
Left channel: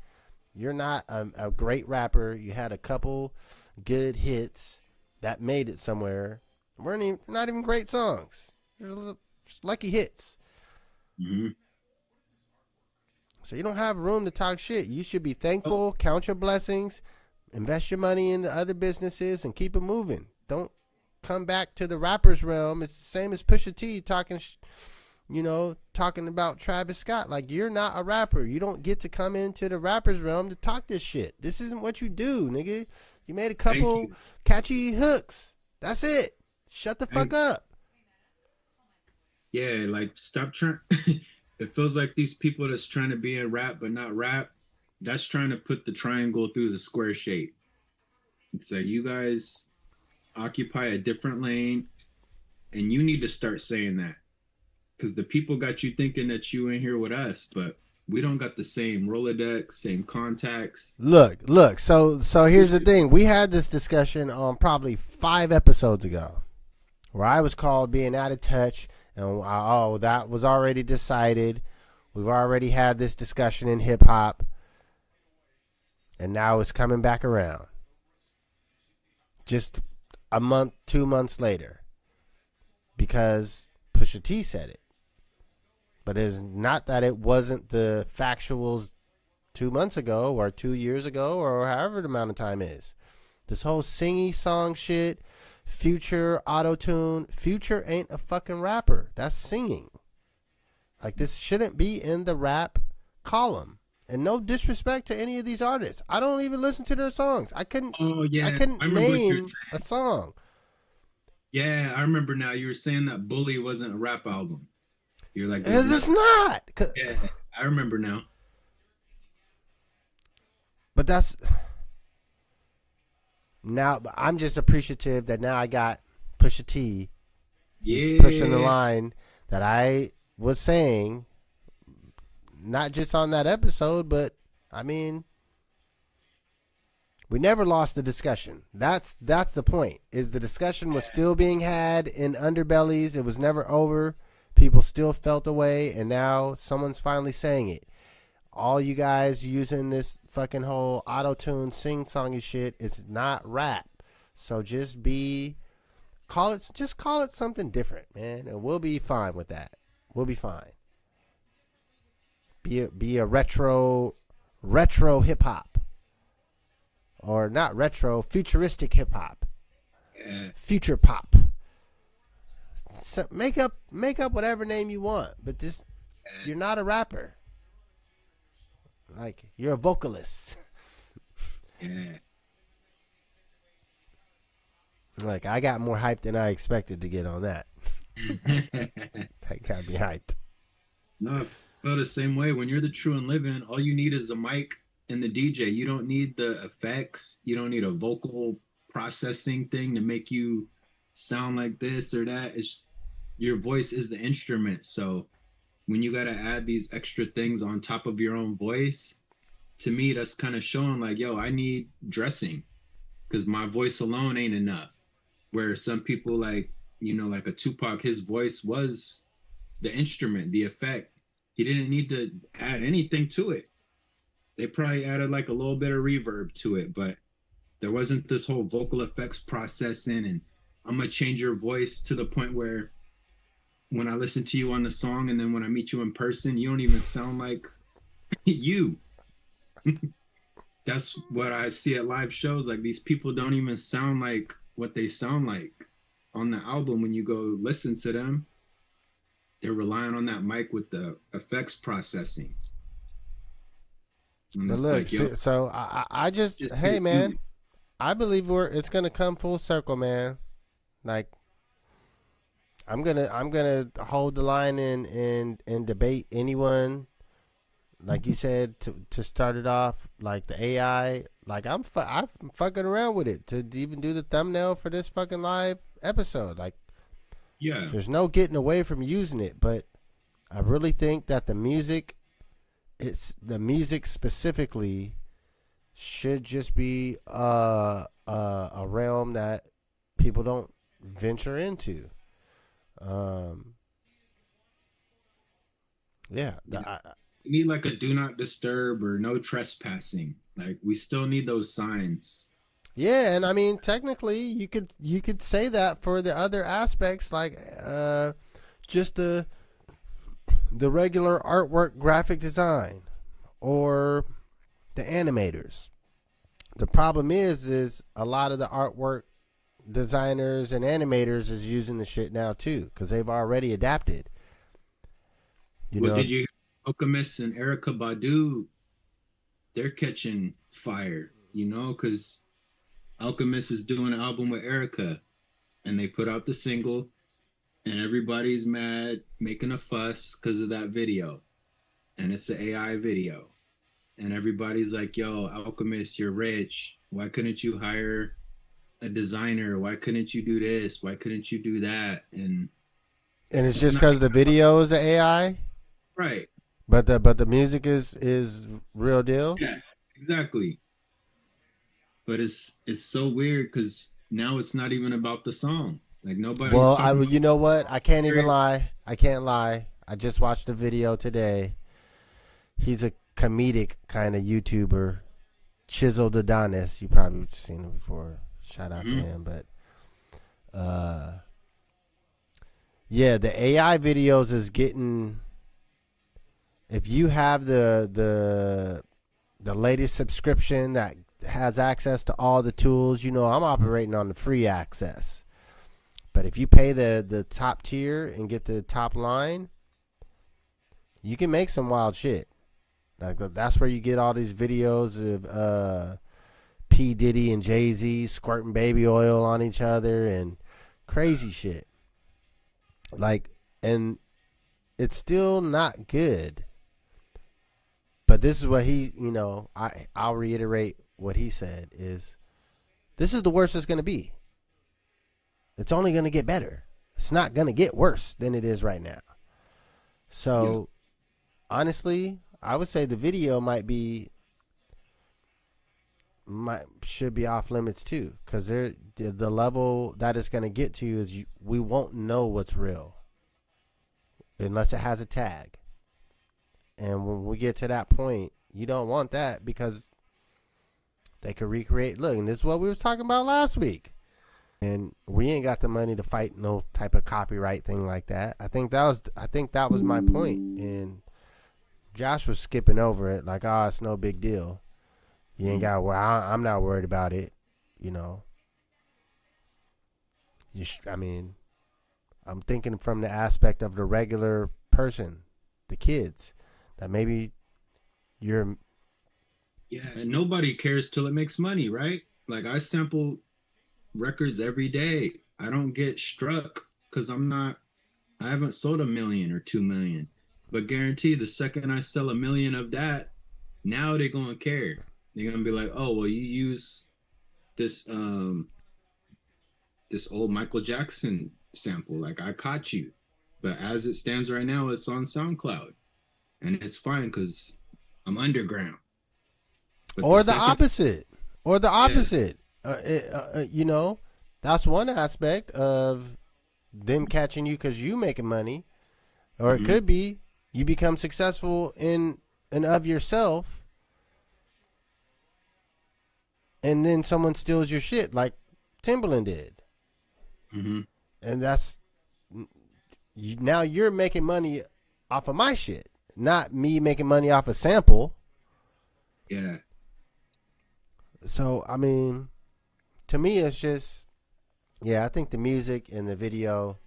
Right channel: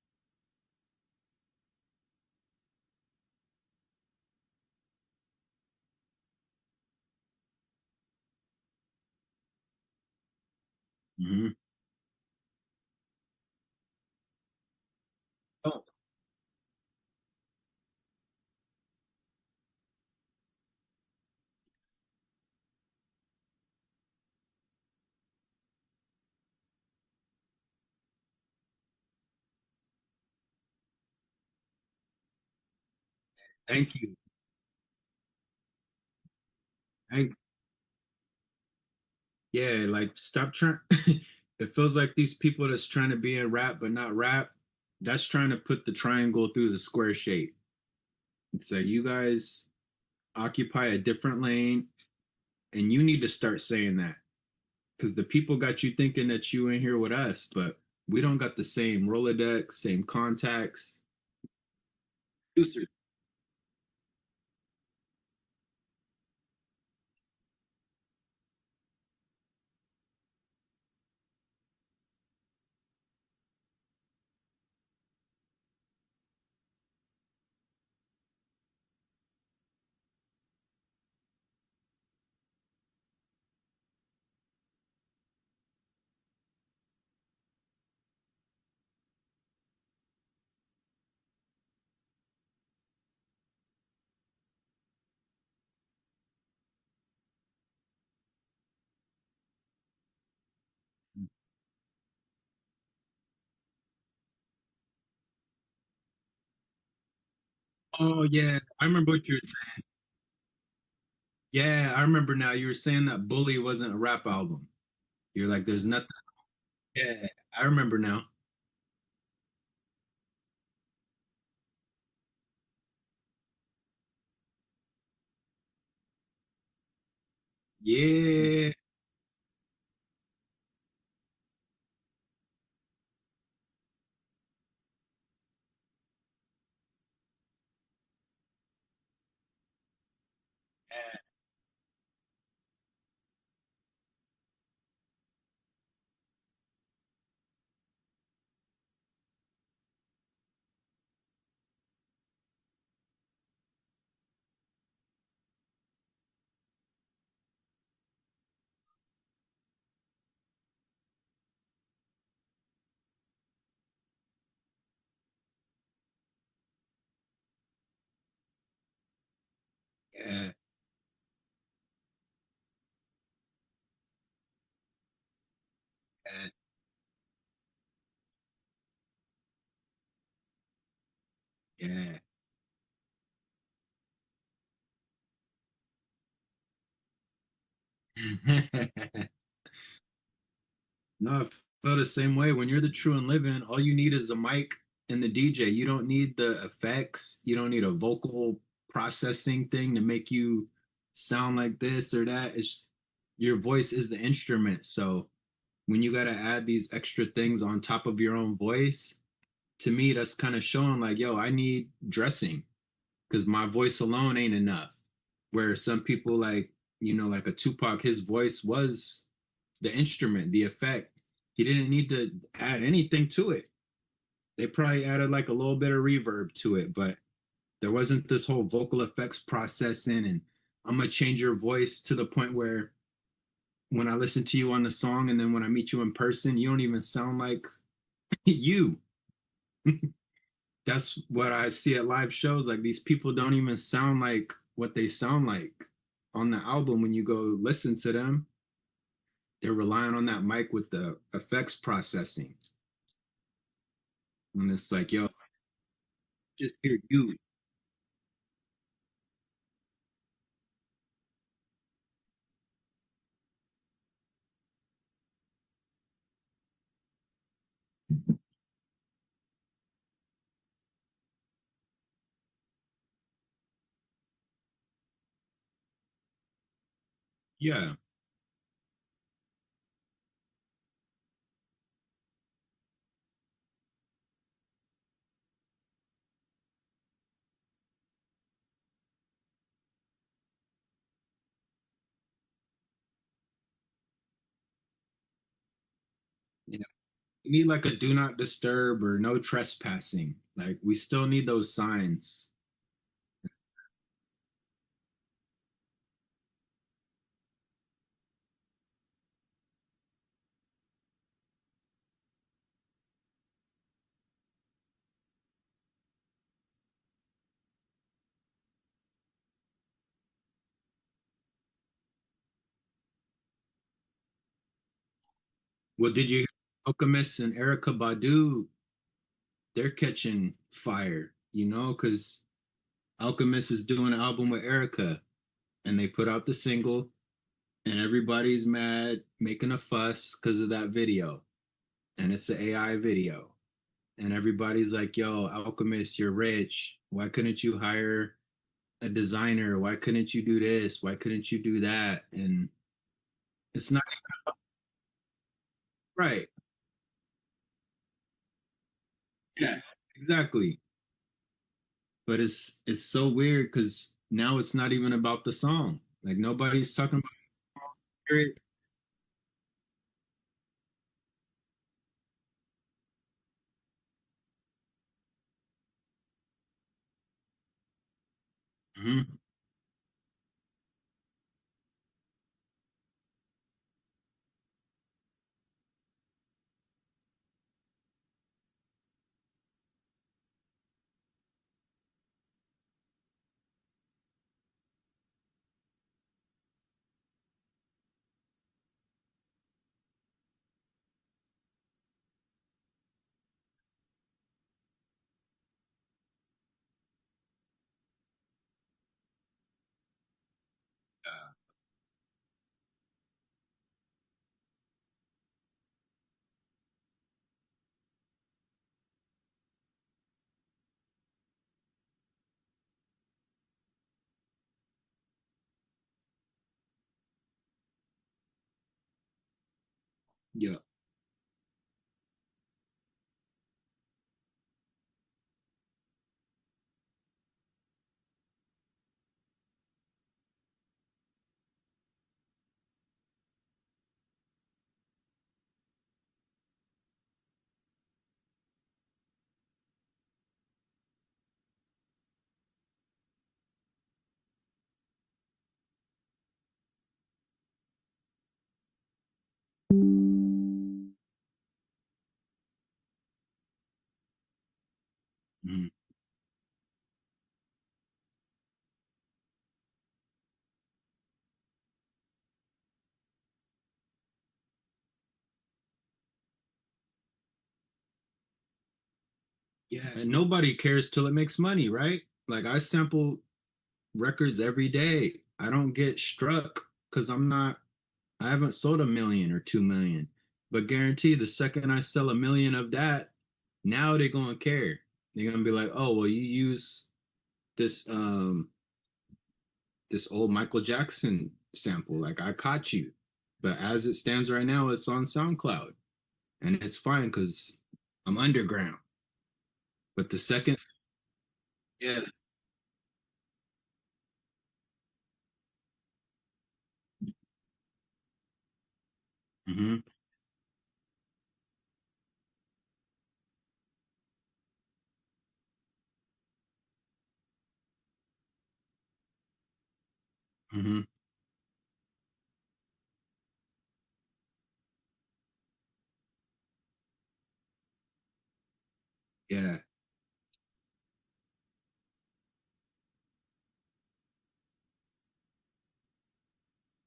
you're not a great rapper. You had a couple good hits that made it somewhere. Weren't even, not even great songs. They're just lucky hits. Mhm. So you don't have room to talk shit. You should be Oh, thankful, count your blessings, invest your money into other businesses, and keep it moving. Don't come back to the rappers realm. It's the same as Pusha T talking about Travis Scott. Like, you're not a rapper. You don't get to come into the rappers realm to talk this shit. This isn't what you do, nigga. You made a thank couple you. catchy hooks. That's it. Shut the fuck Thank up. yeah, like stop trying. It feels like these people that's trying to be in rap but not rap, that's trying to put the triangle through the square shape. It's like you guys occupy a different lane, and you need to start saying that because the people got you thinking that you in here with us, but We don't got the same Rolodex, same contacts. Look. So here's the thing. We had this discussion on probably 5 episodes ago, where I was called being out of touch, and oh, that was already decided. We've already had this discussion in hip hop, and now it's coming back around. Just a month, 2 months later, because Pusha T said it. But it's not that it wasn't the factuals 2 months ago or 2 years ago or however the amount of time is. This whole singy song shit, Future auto tune. Future ain't a fucking rapper. That's singing. Like, this shouldn't be in the rap column. And no disrespect to any of these artists. I don't even listen to their songs. I couldn't Oh I yeah, couldn't I remember what you're. name a song. Yeah, I remember now. You were saying that Bully wasn't a rap album. You're like, there's Because it's nothing. not. Yeah, I remember now. But that's now I'm just appreciative that now I got Pusha T pushing the Yeah, line that I was saying, not just on that episode, but I mean, we never lost the discussion. That's the point. Is the discussion was still being had in underbellies. It was never over. People still felt the way, and now someone's finally saying it. All you guys using this fucking whole auto-tune sing-songy shit is not rap. So just call it something different, man, and we'll be fine with that. We'll be fine. Be a retro hip hop, or not retro, futuristic hip hop, yeah. future pop. So make up whatever name you want, but just you're not a rapper. Like, you're a vocalist. Yeah. Like, I got more hyped than I expected to get on that. That got me hyped. No, I feel the same way. When you're the true and living, all you need is a mic and the DJ. You don't need the effects. You don't need a vocal processing thing to make you sound like this or that. It's your voice is the instrument. So when you got to add these extra things on top of your own voice, to me, that's kind of showing like, yo, I need dressing because my voice alone ain't enough. Where some people like, like a Tupac, his voice was the instrument, the effect. He didn't need to add anything to it. They probably added like a little bit of reverb to it, but there wasn't this whole vocal effects processing and I'm gonna change your voice to the point where when I listen to you on the song and then when I meet you in person, you don't even sound like you. That's what I see at live shows. Like these people don't even sound like what they sound like on the album when you go listen to them. They're relying on that mic with the effects processing. And But it's look, like, yo, so I just, just hey hear man, you. I believe it's gonna come full circle, man. Like, I'm gonna hold the line and debate anyone, like you said, to start it off, like the AI. Like, I'm fucking around with it to even do the thumbnail for this fucking live episode. Like, Yeah. there's no getting away from using it, but I really think that the music specifically should just be a realm that people don't venture into. Um, yeah, You know, we need like a do not disturb or no trespassing. Like we still need those signs. yeah, and I mean, technically, you could say that for the other aspects, like just the regular artwork, graphic design, or the animators. The problem is a lot of the artwork designers and animators is using the shit now too, because they've already adapted. You What know, did you Alchemist and Erica Badu, they're catching fire, because Alchemist is doing an album with Erica and they put out the single and everybody's mad, making a fuss because of that video. And it's an AI video. And everybody's like, yo, Alchemist, you're rich. Why couldn't you hire a designer? Why couldn't you do this? Why couldn't you do that? And and it's it's just not because the video is the AI. right. but the music is real deal. Yeah, exactly. But it's so weird because now it's not even about the song. Like nobody's Well, talking you know what? I can't about even it. lie. I can't lie. I just watched a video today. He's a comedic kind of YouTuber, Chiseled Adonis. You probably seen him before. Shout out to Mhm. him. But yeah, the AI videos is getting. If you have the latest subscription that has access to all the tools, you know I'm operating on the free access. But if you pay the top tier and get the top line, you can make some wild shit. Like that's where you get all these videos of P Diddy and Jay Z squirting baby oil on each other and crazy shit. Like, and it's still not good. But this is what he, I'll reiterate what he said is this is the worst it's going to be. It's only going to get better. It's not going to get worse than it is right now. Yeah. So, honestly, I would say the video might should be off limits too, because the level that it's going to get to is we won't know what's real unless it has a tag. And when we get to that point, you don't want that because they could recreate. Look, and this is what we was talking about last week. And we ain't got the money to fight no type of copyright thing like that. I think that was my point. And Josh was skipping over it like, oh, it's no big deal. You ain't Mhm. got. Well, I'm not worried about it. You know. I mean, I'm thinking from the aspect of the regular person, the kids, that maybe you're. Yeah, and nobody cares till it makes money, right? Like I sample records every day. I don't get struck because I haven't sold 1 million or 2 million. But guarantee the second I sell 1 million of that, now they're gonna care. They're gonna be like, oh well, you use this this old Michael Jackson sample. Like I caught you. But as it stands right now, it's on SoundCloud. And it's fine because I'm underground. But the Or the second, opposite. Or the yeah, opposite. That's one aspect of them catching you because you making money. Or it mm-hmm, could be you become successful in and of yourself, and then someone steals your shit like Timberland did. mm-hmm, And now you're making money off of my shit, not me making money off a sample. yeah. So, I mean, to me, it's just, yeah, I think the music and the video,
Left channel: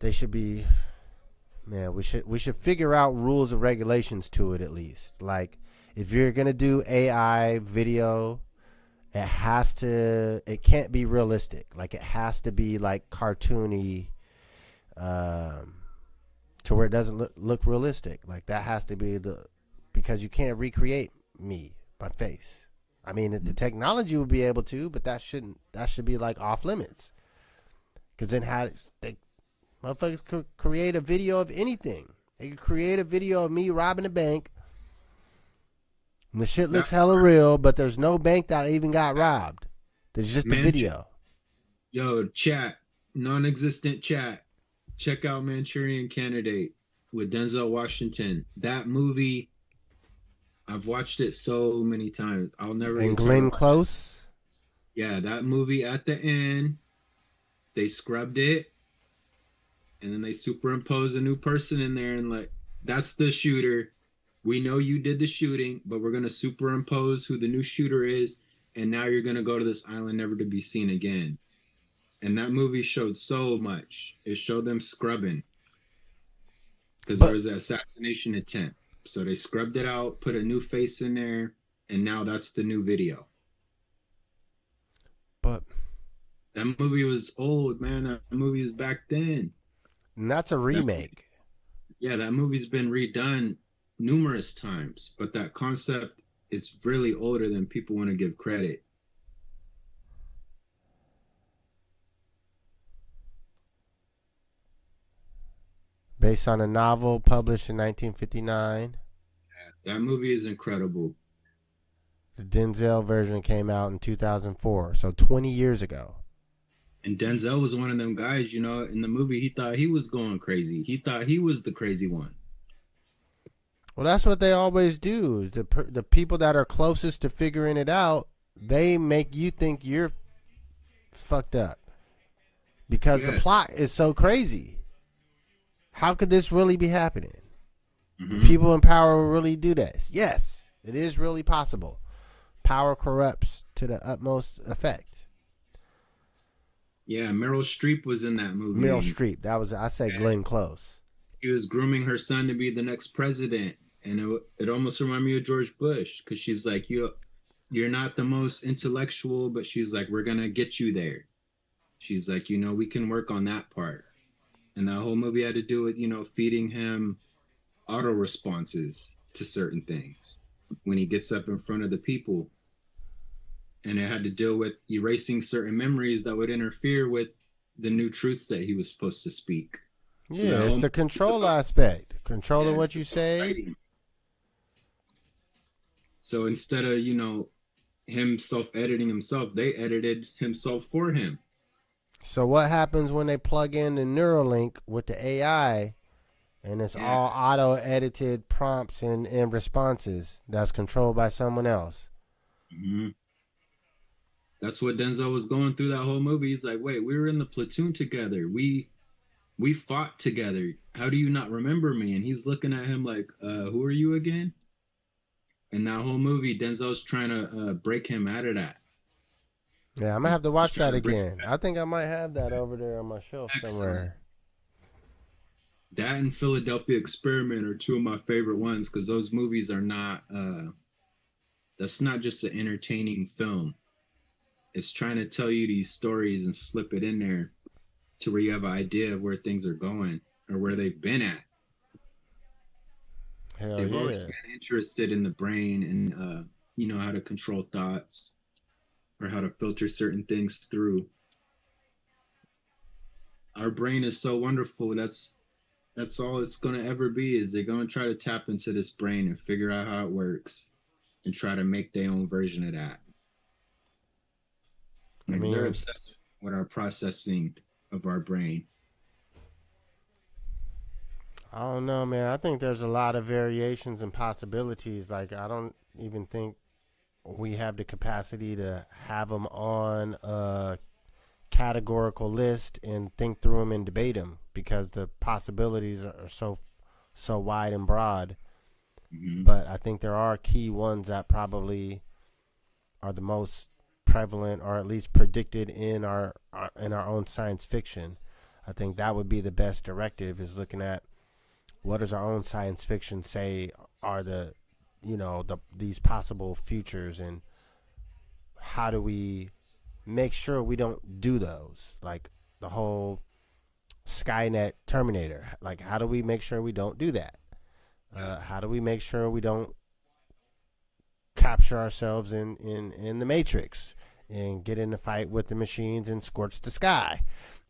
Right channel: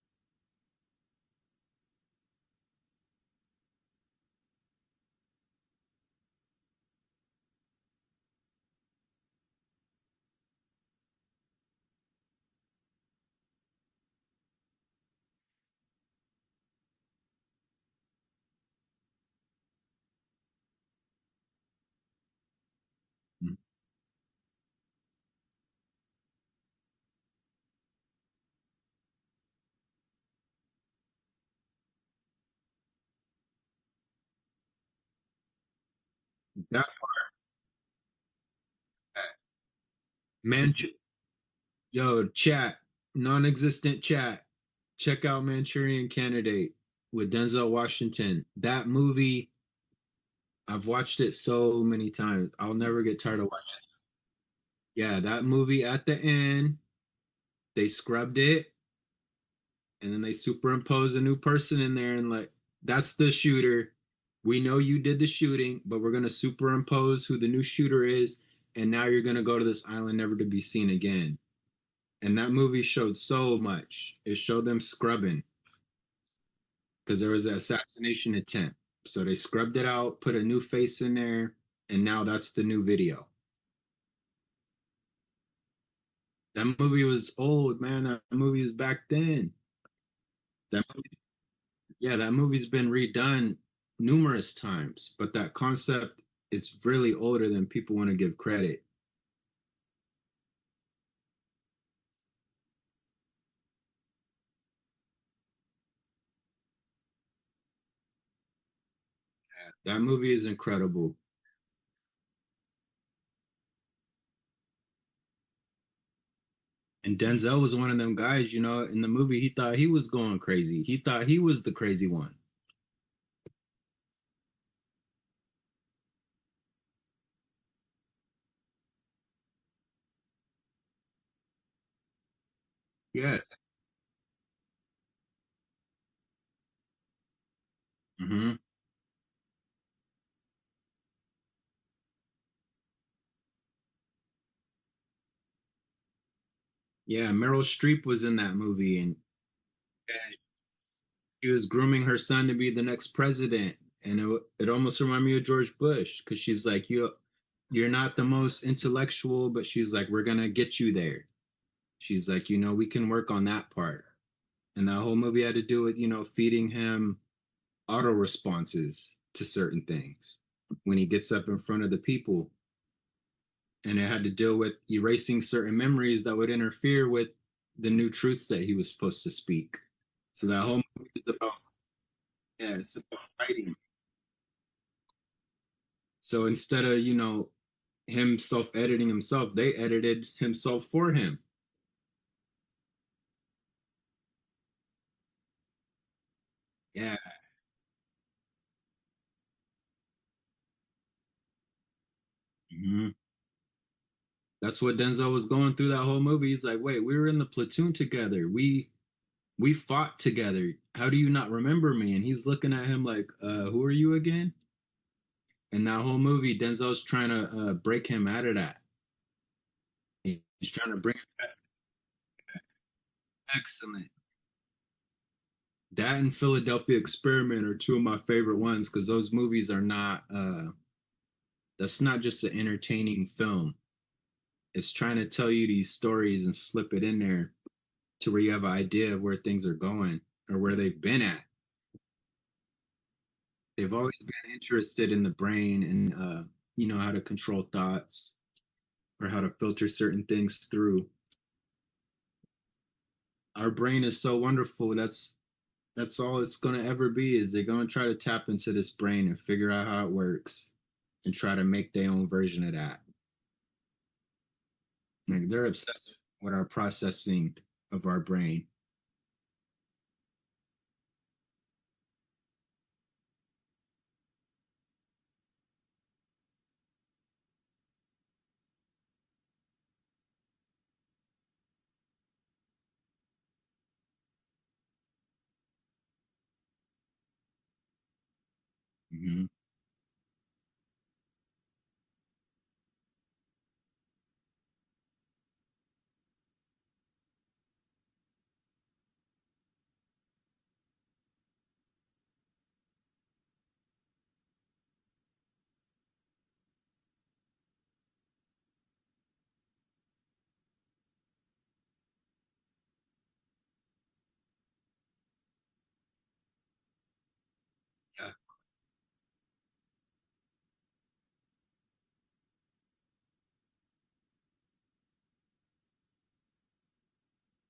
they should be, man, we should figure out rules and regulations to it at least. Like, if you're gonna do AI video, it can't be realistic. Like, it has to be like cartoony, um, to where it doesn't look realistic. Like, that has to be because you can't recreate my face. I mean, the technology would be able to, but that should be like off limits. Because then they motherfuckers could create a video of anything. They could create a video of me robbing a bank, and the shit That looks hella real, but there's no bank that even got robbed. There's just a man, video. yo, chat, non-existent chat. Check out Manchurian Candidate with Denzel Washington. That movie, I've watched it so many times. I'll never And get tired of Glenn watching. Close. Yeah, that movie at the end, they scrubbed it and then they superimpose a new person in there and like that's the shooter. We know you did the shooting, but we're gonna superimpose who the new shooter is, and now you're gonna go to this island never to be seen again. And that movie showed so much. It showed them scrubbing because there But was an assassination attempt. So they scrubbed it out, put a new face in there, and now that's the new video. but That movie was old, man. That movie was back then. and that's a That movie, remake. yeah, that movie's been redone numerous times, but that concept is really older than people want to give credit. based on a novel published in 1959. That movie is incredible. The Denzel version came out in 2004, so 20 years ago. And Denzel was one of them guys, you know, in the movie, he thought he was going crazy. He thought he was the crazy one. Well, that's what they always do. The people that are closest to figuring it out, they make you think you're fucked up because the Yes. plot is so crazy. How could this really be happening? Hmm. People in power will really do this. Yes, it is really possible. Power corrupts to the utmost effect. Yeah, Meryl Streep was in that movie, Meryl and Streep. That was I said Glenn Close. she was grooming her son to be the next president. And it almost reminded me of George Bush because she's like, you're not the most intellectual, but she's like, we're gonna get you there. She's like, you know, we can work on that part. And that whole movie had to do with, you know, feeding him auto responses to certain things when he gets up in front of the people. And it had to deal with erasing certain memories that would interfere with the new truths that he was supposed to speak. So Yeah, that it's whole the movie is control about, aspect. yeah, Controlling what it's you about say. fighting. So instead of, you know, him self-editing himself, they edited himself for him. So what happens when they plug in the Neuralink with the AI and it's Yeah. all auto edited prompts and responses that's controlled by someone else? Mm-hmm. That's what Denzel was going through that whole movie. He's like, wait, we were in the platoon together. We fought together. How do you not remember me? And he's looking at him like, who are you again? And that whole movie, Denzel's trying to break him out of that. Yeah, I'm gonna He's have to watch trying that to bring him again. I think I might have that over there on my shelf back. Excellent. somewhere. That and Philadelphia Experiment are two of my favorite ones because those movies are not. That's not just an entertaining film. It's trying to tell you these stories and slip it in there to where you have an idea of where things are going or where they've been at. Hell They've always yeah. been interested in the brain and you know how to control thoughts or how to filter certain things through. Our brain is so wonderful. That's all it's going to ever be. Is they're going to try to tap into this brain and figure out how it works and try to make their own version of that. I Like they're mean, obsessed with our processing of our brain. I don't know, man. I think there's a lot of variations and possibilities. Like, I don't even think we have the capacity to have them on a categorical list and think through them and debate them because the possibilities are so wide and broad. Mm-hmm. But I think there are key ones that probably are the most prevalent or at least predicted in our own science fiction. I think that would be the best directive is looking at what does our own science fiction say are these possible futures and how do we make sure we don't do those, like the whole Skynet Terminator. Like, how do we make sure we don't do that? Yeah. How do we make sure we don't capture ourselves in the Matrix and get in a fight with the machines and scorch the sky?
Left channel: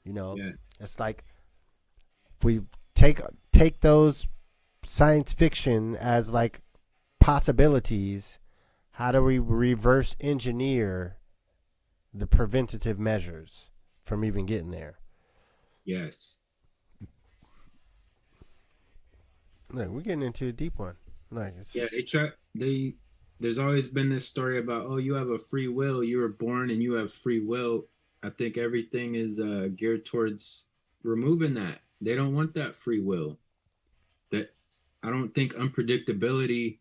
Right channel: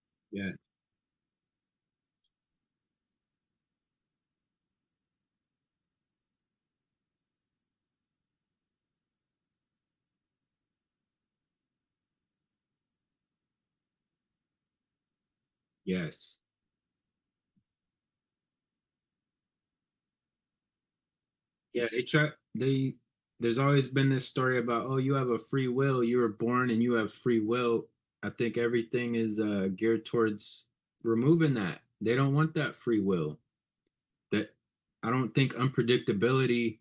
You know, Yeah. it's like if we take those science fiction as like possibilities, how do we reverse engineer the preventative measures from even getting there? Yes. Look, we're getting into a deep one. Like it's Yeah. They. There's always been this story about, oh, you have a free will. You were born and you have free will. I think everything is geared towards removing that. They don't want that free will. That I don't think unpredictability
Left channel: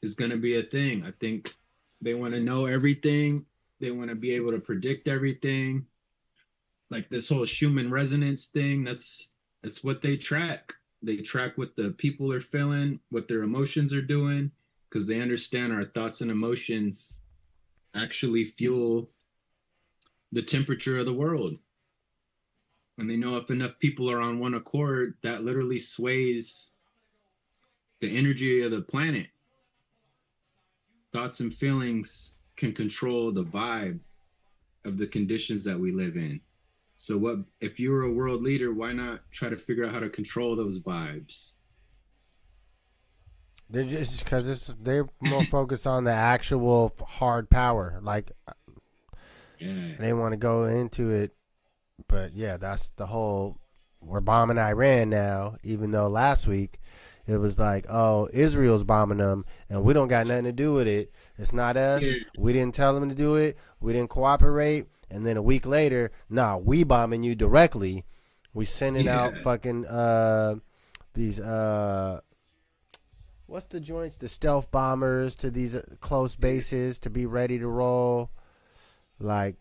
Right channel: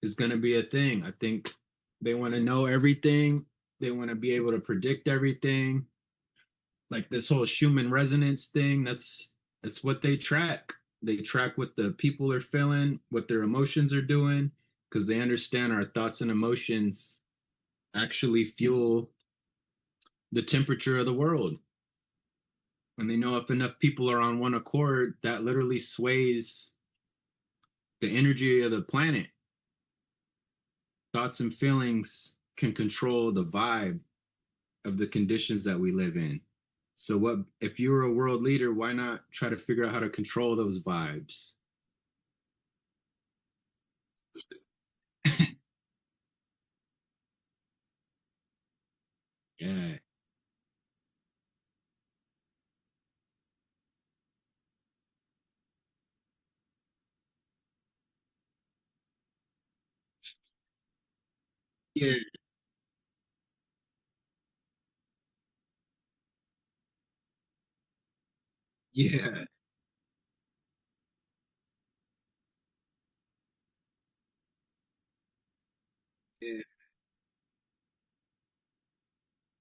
is going to be a thing. I think they want to know everything. They want to be able to predict everything. Like this whole Schumann resonance thing, that's what they track. They track what the people are feeling, what their emotions are doing, because they understand our thoughts and emotions actually fuel the temperature of the world. And they know if enough people are on one accord, that literally sways the energy of the planet. Thoughts and feelings can control the vibe of the conditions that we live in. So what if you were a world leader, why not try to figure out how to control those vibes? They're just because they're more focused on the actual hard power. Like Yeah. they want to go into it, but yeah, that's the whole. We're bombing Iran now, even though last week it was like, oh, Israel's bombing them, and we don't got nothing to do with it. It's not Yeah. us. We didn't tell them to do it. We didn't cooperate. And then a week later, nah, we bombing you directly. We sending out Yeah. fucking these what's the joints? The stealth bombers to these close Yeah. bases to be ready to roll. Like,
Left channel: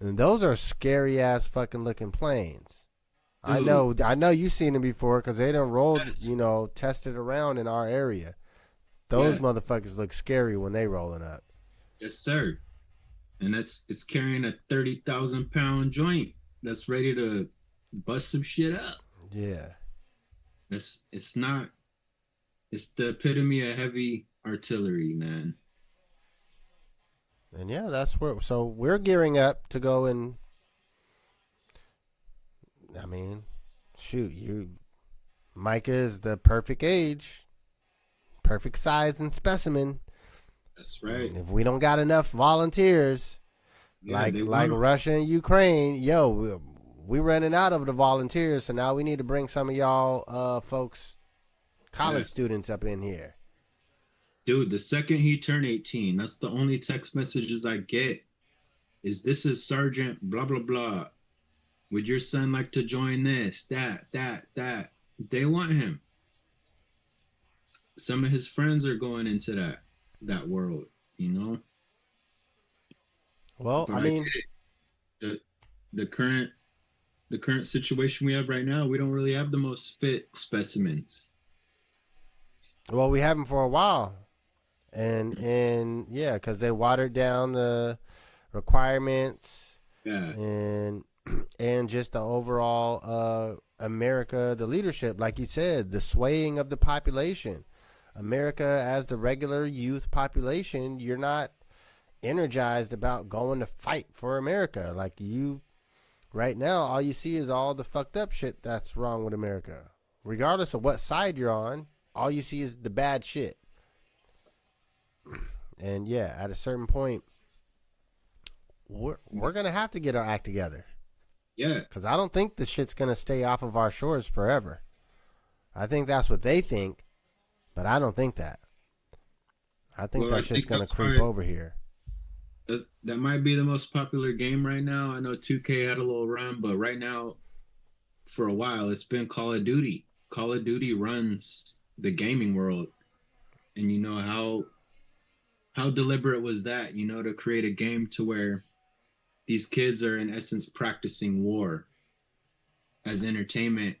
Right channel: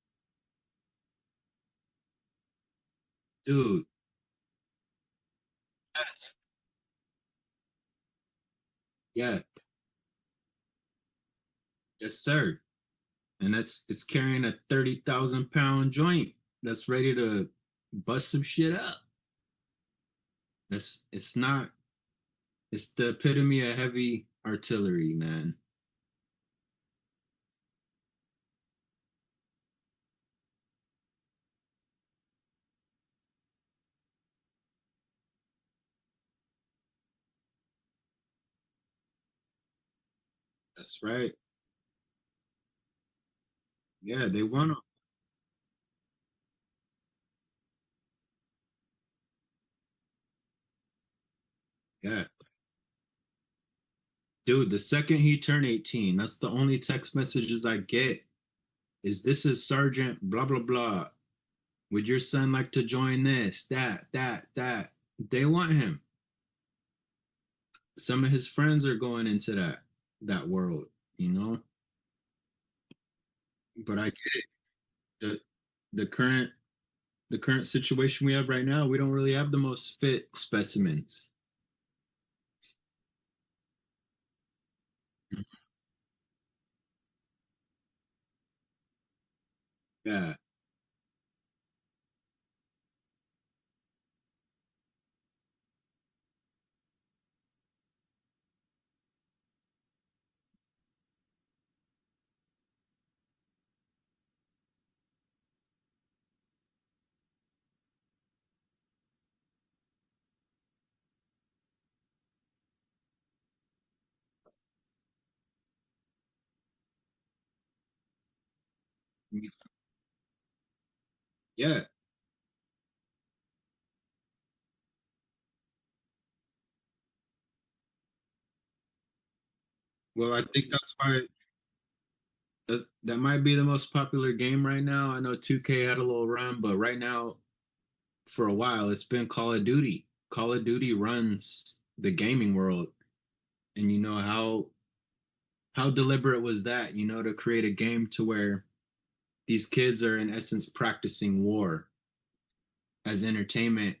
and those are scary ass fucking looking planes. Dude, I know you've seen them before because they done rolled, yes. tested around in our area. Those Yeah. motherfuckers look scary when they rolling up. Yes, sir. And it's carrying a 30,000 pound joint that's ready to bust some shit up. Yeah, It's not it's the epitome of heavy artillery, man. and yeah, that's where. So we're gearing up to go and. I mean, shoot, Micah is the perfect age, perfect size and specimen. That's right. If we don't got enough volunteers, Yeah, they like want them. Russia and Ukraine, yo, we running out of the volunteers, so now we need to bring some of y'all folks, Yeah. college students up in here. Dude, the second he turned 18, that's the only text messages I get is this is Sergeant blah blah blah. Would your son like to join this, that? They want him. Some of his friends are going into that world, you know. Well, But I I get mean, it. The the current the current situation we have right now, we don't really have the most fit specimens. well, we have them for a while, and yeah, because they watered down the requirements Yeah, and and just the overall America, the leadership, like you said, the swaying of the population. America, as the regular youth population, you're not energized about going to fight for America. Like you, right now, all you see is all the fucked up shit that's wrong with America. Regardless of what side you're on, all you see is the bad shit. And yeah, at a certain point, we're gonna have to get our act together yeah. because I don't think this shit's gonna stay off of our shores forever. I think that's what they think, but I don't think that. I think Well, I that shit's think gonna that's creep why over here. that might be the most popular game right now. I know 2K had a little run, but right now, for a while, it's been Call of Duty. Call of Duty runs the gaming world, and you know how deliberate was that? You know, to create a game to where these kids are in essence practicing war as entertainment.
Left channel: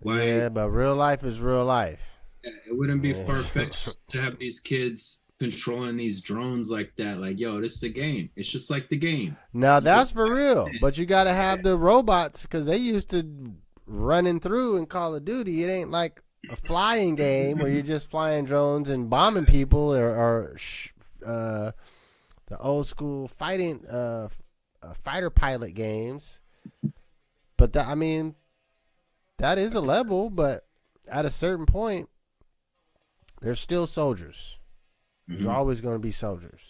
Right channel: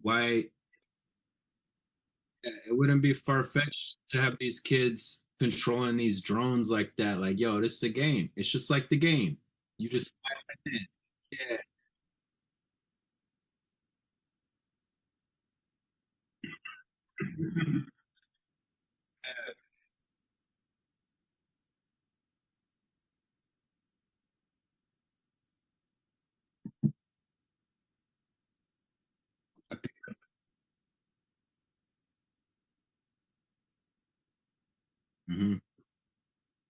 Why Yeah, but real life is real life. it wouldn't be far fetched to have these kids controlling these drones like that. Like, yo, this is a game. It's just like the game. Now You that's just for real, but you got to yeah, have the robots because they used to running through in Call of Duty. It ain't like a flying game where you're just flying drones and bombing people, uh, the old school fighter pilot games. But I mean, that is a level, but at a certain point, there's still soldiers. There's mm-hmm. always going to be soldiers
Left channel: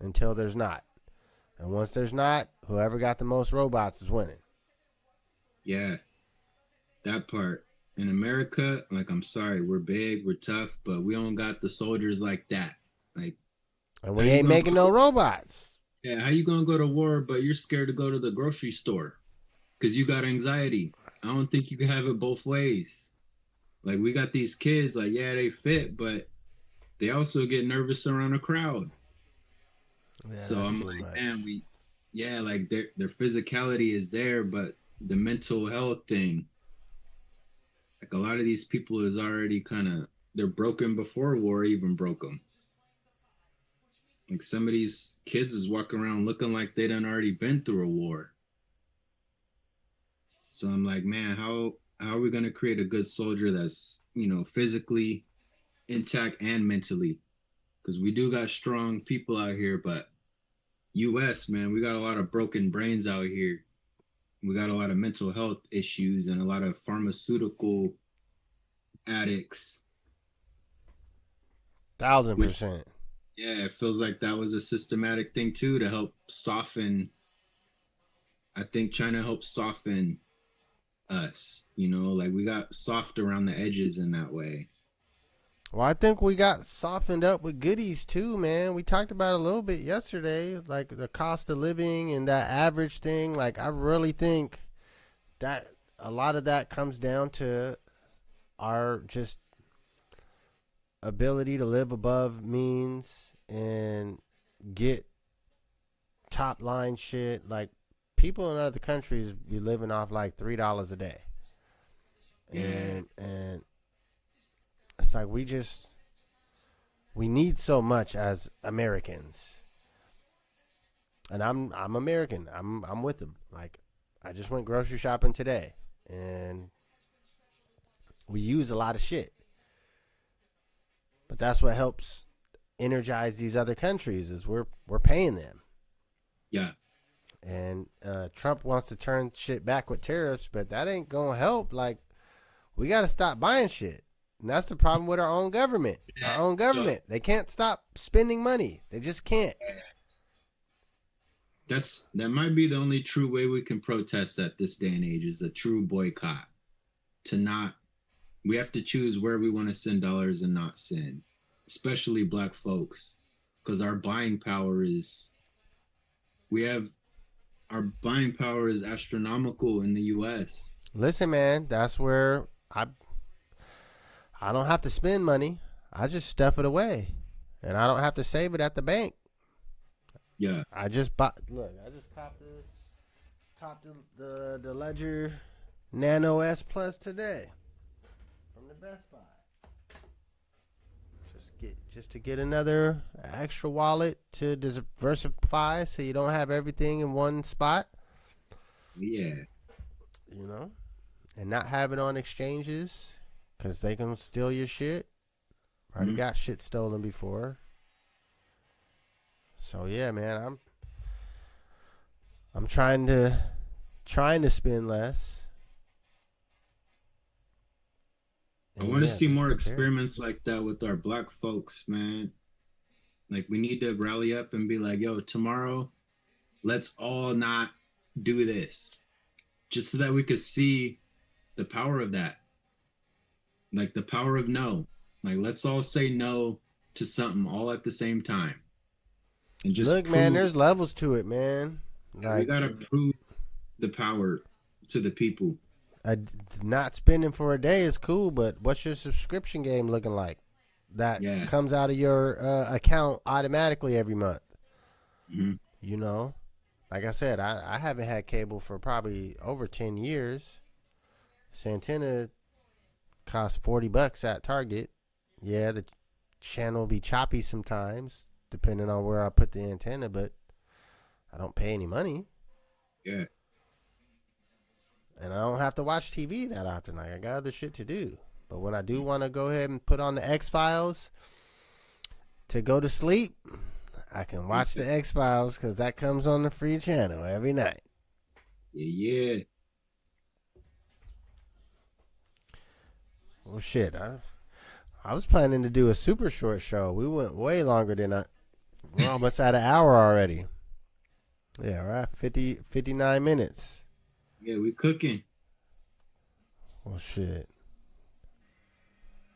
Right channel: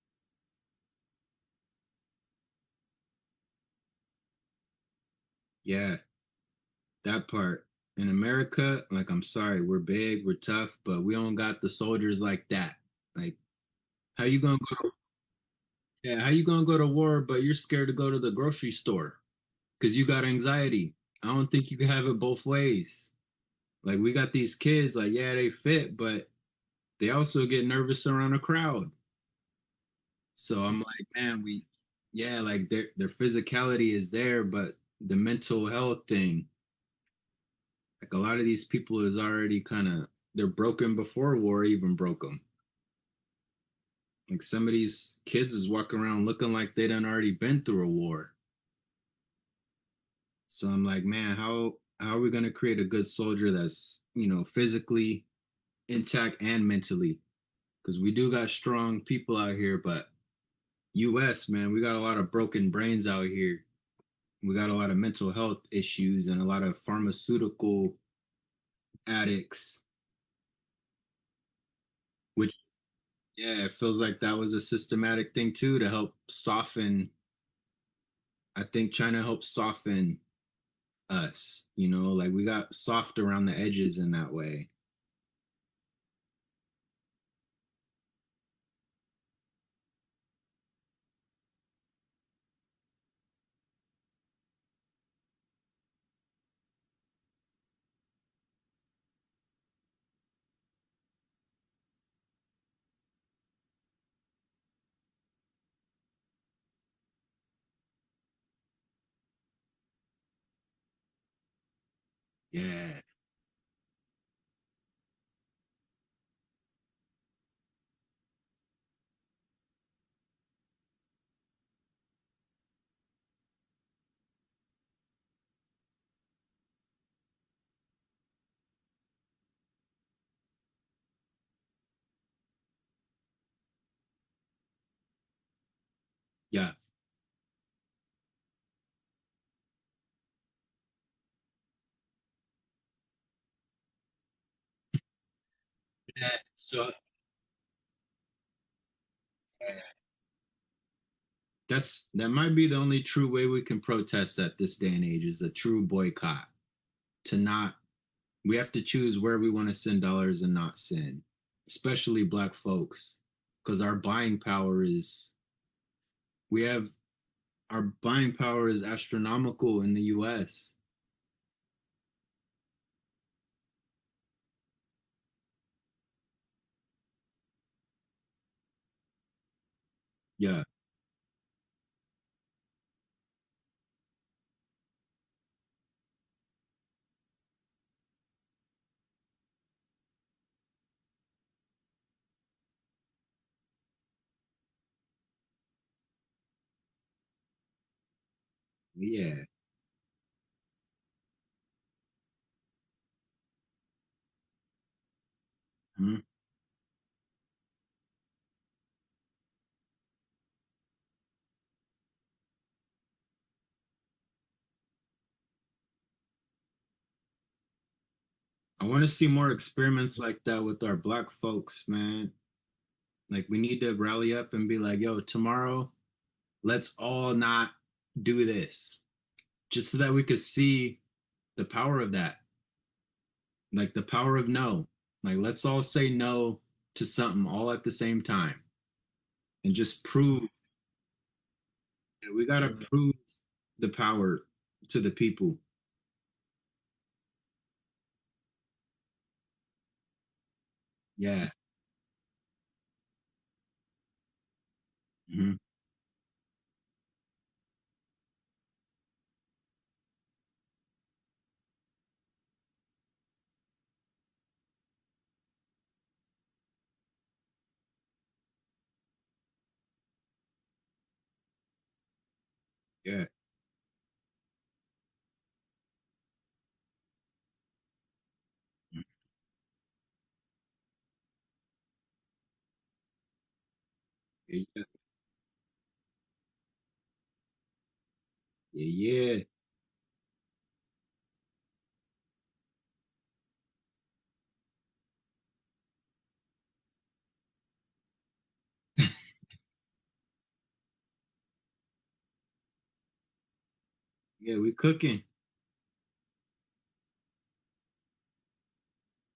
until there's not. And once there's not, whoever got the most robots is winning. Yeah, that part. In America, like I'm sorry, we're big, we're tough, but we don't got the soldiers like that. Like, And how we you ain't gonna making no go? robots. Yeah, how you gonna go to war, but you're scared to go to the grocery store because you got anxiety? I don't think you can have it both ways. Like we got these kids, like yeah, they fit, but they also get nervous around a crowd. Yeah, So that's I'm too like, man, much. yeah, like their physicality is there, but the mental health thing, like a lot of these people is already kind of they're broken before war even broke them. Like some of these kids is walking around looking like they done already been through a war. So I'm like, man, how are we gonna create a good soldier that's physically intact and mentally? Because we do got strong people out here, but US, man, we got a lot of broken brains out here. We got a lot of mental health issues and a lot of pharmaceutical addicts, Thousand which, percent. yeah, it feels like that was a systematic thing too to help soften. I think China helped soften us, like we got soft around the edges in that way. Well, I think we got softened up with goodies too, man. We talked about it a little bit yesterday, like the cost of living and that average thing. Like, I really think that a lot of that comes down to our just ability to live above means and get top line shit. Like, people in other countries be living off like $3 a day, Yeah, and it's like we need so much as Americans. And I'm American. I'm with them. Like, I just went grocery shopping today, and we use a lot of shit. But that's what helps energize these other countries is we're paying them. yeah, And Trump wants to turn shit back with tariffs, but that ain't gonna help. Like, we got to stop buying shit. And that's the problem with our own government. Our own so government. They can't stop spending money. They just can't. that might be the only true way we can protest at this day and age is a true boycott. To not, we have to choose where we want to send dollars and not send, especially black folks, because we have our buying power is astronomical in the US. Listen, man, that's where I don't have to spend money. I just stuff it away, and I don't have to save it at the bank. Yeah, I just bought. Look, I just copped the Ledger Nano S Plus today from the Best Buy. Just to get another extra wallet to diversify, so you don't have everything in one spot. yeah. You know, and not have it on exchanges because they can steal your shit. Already Mhm. got shit stolen before. So yeah, man, I'm trying to spend less. I And want to yeah, see just more be careful. experiments like that with our black folks, man. Like we need to rally up and be like, yo, tomorrow, let's all not do this. Just so that we could see the power of that. Like the power of no. Like let's all say no to something all at the same time and just Look, man, prove there's levels to it, man. that we Like, gotta prove the power to the people. uh, not spending for a day is cool, but what's your subscription game looking like? That Yeah. comes out of your account automatically every month. Mhm. You know, like I said, I haven't had cable for probably over 10 years. Santana costs $40 at Target. Yeah, the channel will be choppy sometimes, depending on where I put the antenna, but I don't pay any money. Yeah. And I don't have to watch TV that often. Like, I got other shit to do. But when I do want to go ahead and put on the X Files to go to sleep, I can watch the X Files because that comes on the free channel every night. Yeah, yeah. Well, shit, I was planning to do a super short show. We went way longer than we're almost at an hour already. Yeah, we're at 59 minutes. Yeah, we cooking. Well, shit.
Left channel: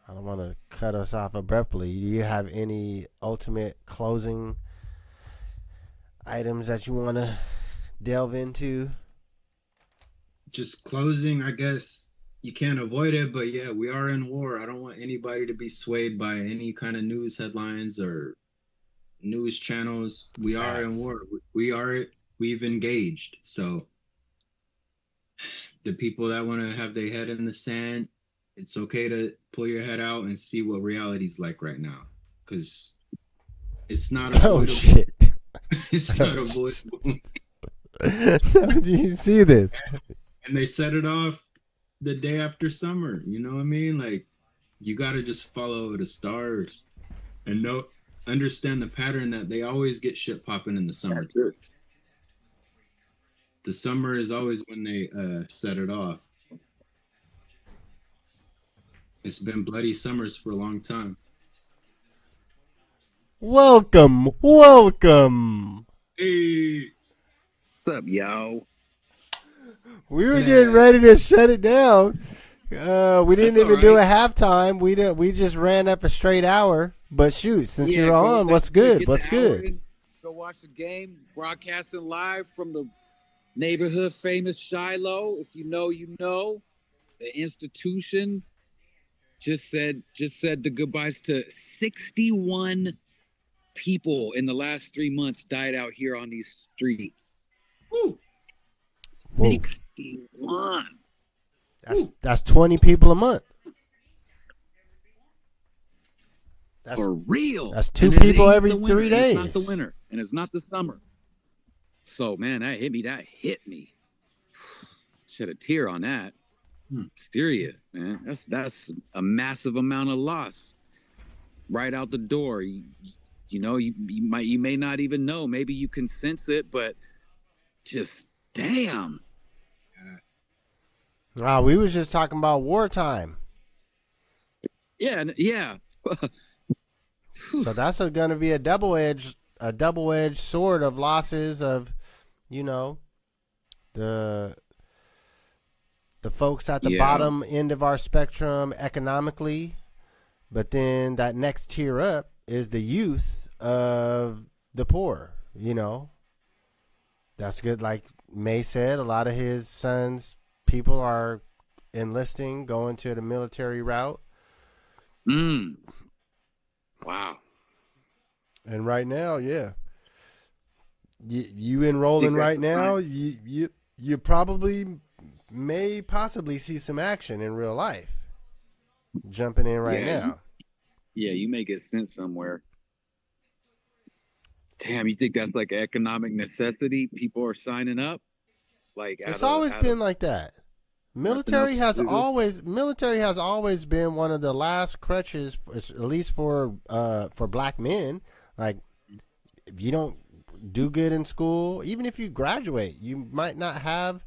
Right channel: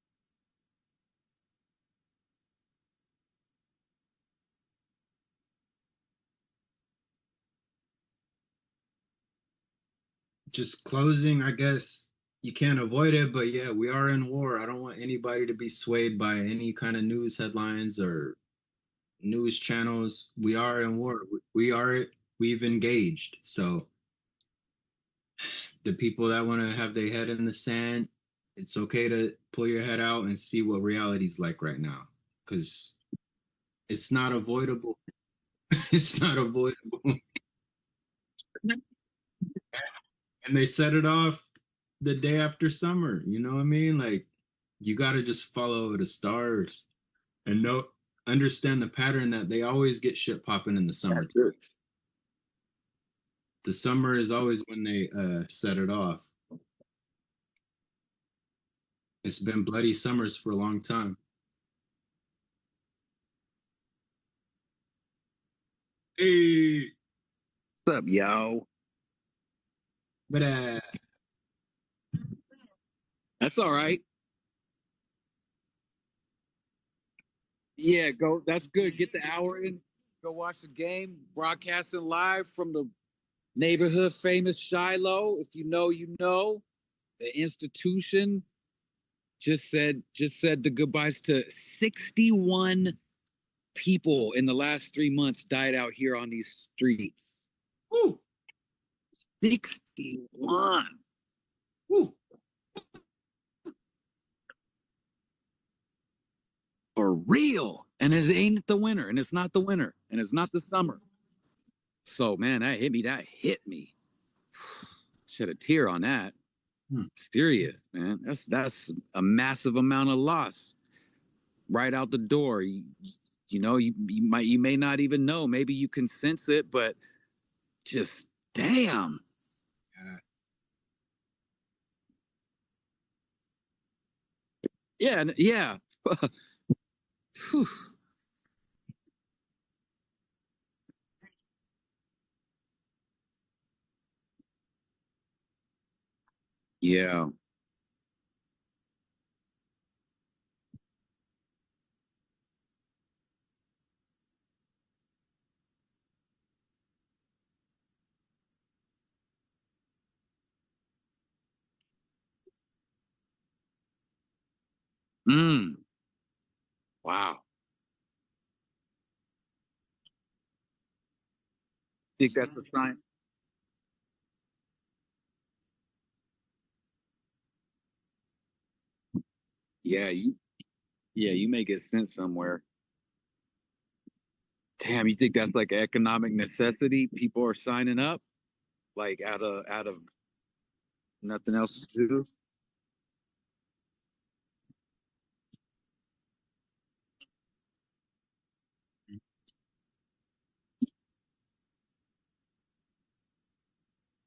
I don't want to cut us off abruptly. Do you have any ultimate closing items that you want to delve into? Just closing, I guess you can't avoid it, but yeah, we are in war. I don't want anybody to be swayed by any kind of news headlines or news channels. We are in Facts. war. We've engaged. So the people that want to have their head in the sand, it's okay to pull your head out and see what reality's like right now. Because it's not Oh, avoidable. shit. It's Oh, not avoidable. do you see this? And they set it off the day after summer. You know what I mean? Like you got to just follow the stars and know. understand the pattern that they always get shit popping in the summer. The summer is always when they set it off. It's been bloody summers for a long time. Welcome. Hey, What's up, yo? We were getting ready to shut it down. We didn't That's even do a all right. halftime. We just ran up a straight hour. But shoot, since Yeah, you're go. on, That's what's good? Get What's the hour good? in, go watch the game. Broadcasting live from the neighborhood famous Shiloh. If you know, you know. The institution just said the goodbyes to 61 people in the last 3 months died out here on these streets. woo. Whoa. 61. That's 20 people a month. For real. That's two And it people ain't every the winter, 3 and days. it's not the winter, and it's not the summer. So, man, that hit me. Shed a tear on that. Serious, man. That's a massive amount of loss right out the door. You may not even know. Maybe you can sense it, but just damn. We was just talking about wartime. Yeah. So that's going to be a double-edged sword of losses of, the folks at the bottom end of our spectrum economically, but then that next tier up is the youth of the poor. That's good. Like May said, a lot of his sons' people are enlisting, going to the military route. Wow. And right now, yeah, you enrolling right now, you probably may possibly see some action in real life. Jumping in right now. You may get sent somewhere. Damn, you think that's like economic necessity? People are signing up? Like it's always been like that. Military has always been one of the last crutches, at least for black men. Like, if you don't do good in school, even if you graduate, you might not have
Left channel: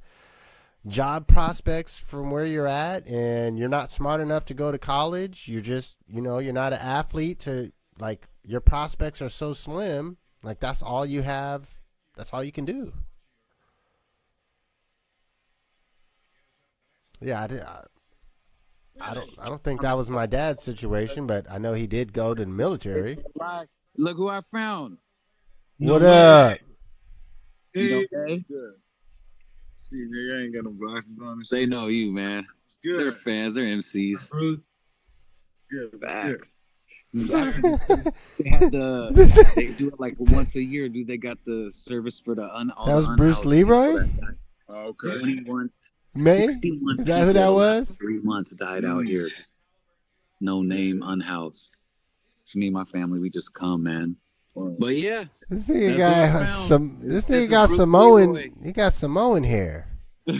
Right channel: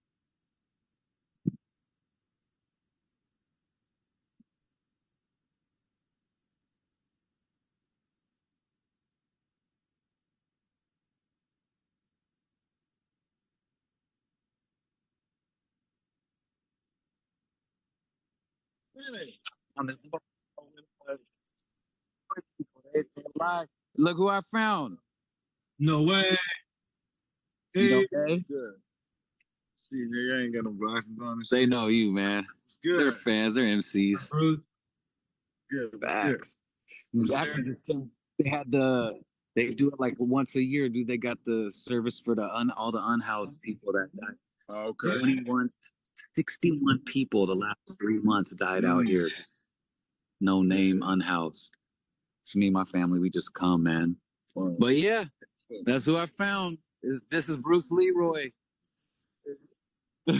job prospects from where you're at, and you're not smart enough to go to college. You're just, you're not an athlete to, like, your prospects are so slim. Like, that's all you have. That's all you can do. Yeah, I don't think that was my dad's situation, but I know he did go to the military. Look who I found. What up? You okay? Good. See, nigga, I ain't got no glasses on. And They shit. know you, man. It's good. They're fans. They're MCs. Good. Facts. They do it like once a year, dude. They got the service for the all That the was Bruce unhoused Leroy? people that died. Oh, okay. 21, May? 61 Is that people who that the was? last 3 months died out here. Just no name, unhoused. It's me and my family. We just come, man. But yeah, This nigga That's what I got found. This This nigga is got Bruce Samoan. Leroy. He got Samoan hair. Hey,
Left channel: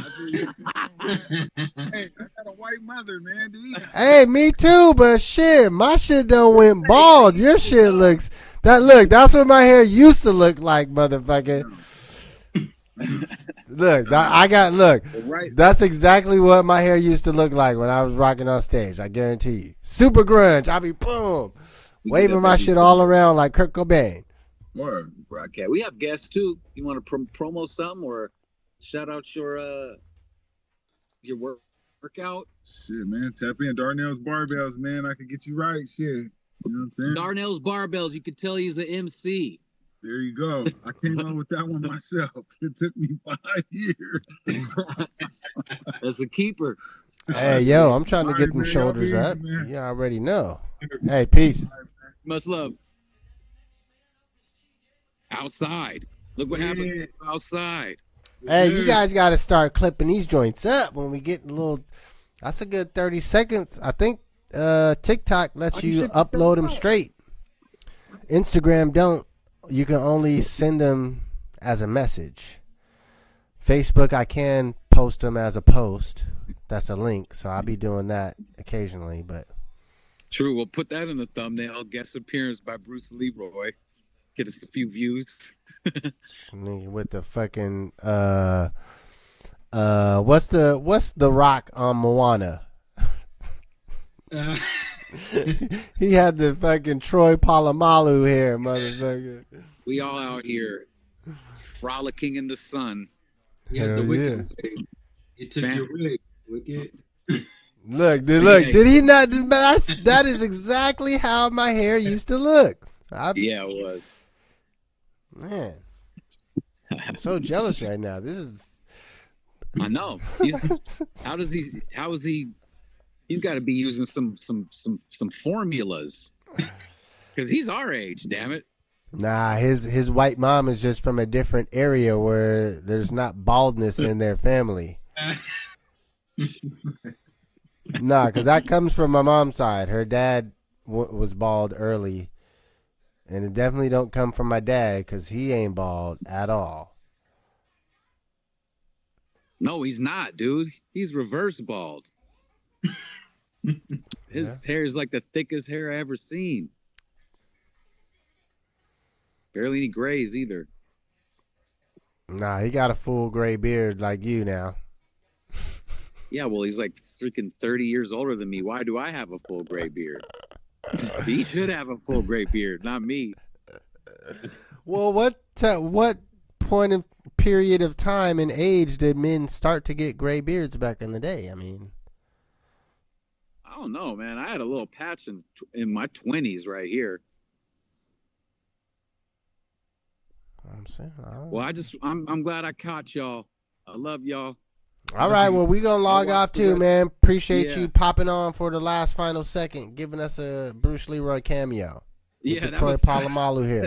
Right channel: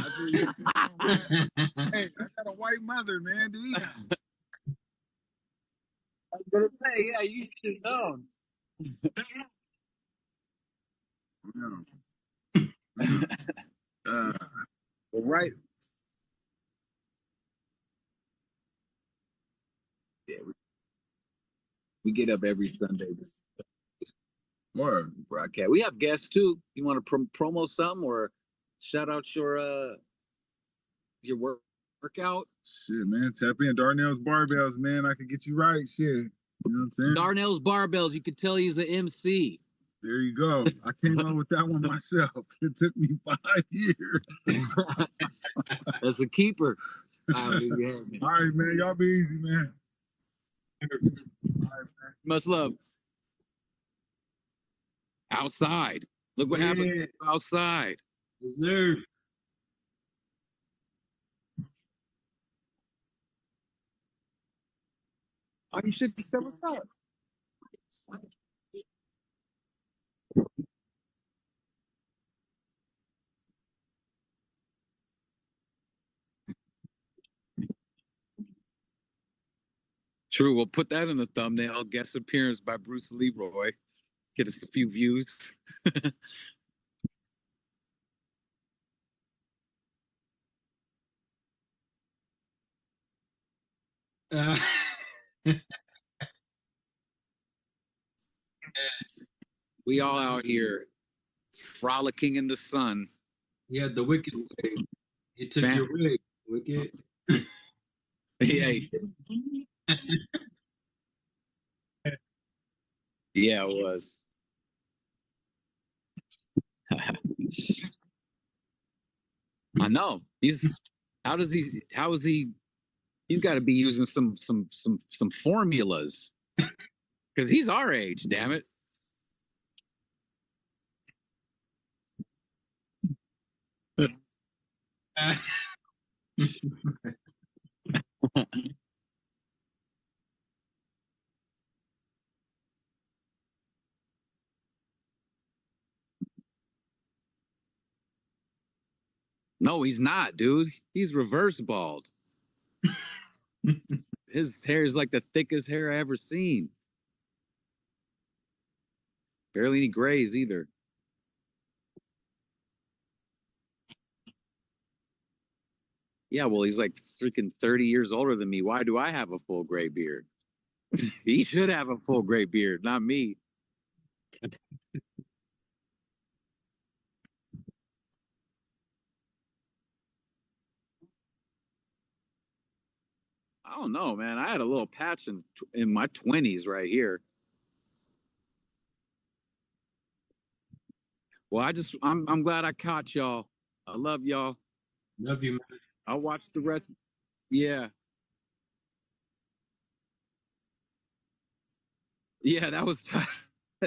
I got a white mother, man. Dude. Hey, me too, but shit, my shit done went bald. Your shit looks that's what my hair used to look like, motherfucker. Right. That's exactly what my hair used to look like when I was rocking on stage. I guarantee you. Super grunge. I be boom, We get waving up my every shit all Sunday. around like Kurt Cobain. Word. Broadcast. We have guests too. You want to promo something or shout out your workout? Shit, man. Tap in. Darnell's Barbells, man. I can get you right. Shit. You know what I'm saying? Darnell's Barbells. You could tell he's an MC. There you go. I came up with that one myself. It took me 5 years. That's a keeper. Hey, yo, I'm trying to All get right, them man. Y'all shoulders be up. easy, man. You already know. Hey, peace. Much love. Outside. Look what happened outside. Hey, you guys got to start clipping these joints up when we get a little. That's a good 30 seconds. I think TikTok lets you upload them straight. Instagram don't. You can only send them as a message. Facebook, I can post them as a post. That's a link, so I'll be doing that occasionally. But True. We'll put that in the thumbnail. Guest appearance by Bruce Leroy. Get us a few views. Nigga with the fucking what's the rock on Moana? He had the fucking Troy Polamalu hair, motherfucker. We all out here frolicking in the sun. Yeah, the Hell wicked wig. You took Bam. your wig, wicked. Look, did he not? That is exactly how my hair used to look. Yeah, it was. Man, I'm so jealous right now. This is. I know. How is he? He's got to be using some formulas because he's our age. Damn it. Nah, his white mom is just from a different area where there's not baldness in their family. Nah, because that comes from my mom's side. Her dad was bald early, and it definitely don't come from my dad because he ain't bald at all. No, he's not, dude. He's reverse bald. His hair is like the thickest hair I ever seen. Barely any grays either. Nah, he got a full gray beard like you now. Yeah, well, he's like freaking 30 years older than me. Why do I have a full gray beard? He should have a full gray beard, not me. Well, what point of period of time and age did men start to get gray beards back in the day? I mean, I don't know, man. I had a little patch in my 20s right here. I'm saying, Well, I'm glad I caught y'all. I love y'all. all right, well, we gonna log watch off the too, rest- man. Appreciate Yeah. you popping on for the last final second, giving us a Bruce Leroy cameo. Yeah, The that Troy was Polamalu here.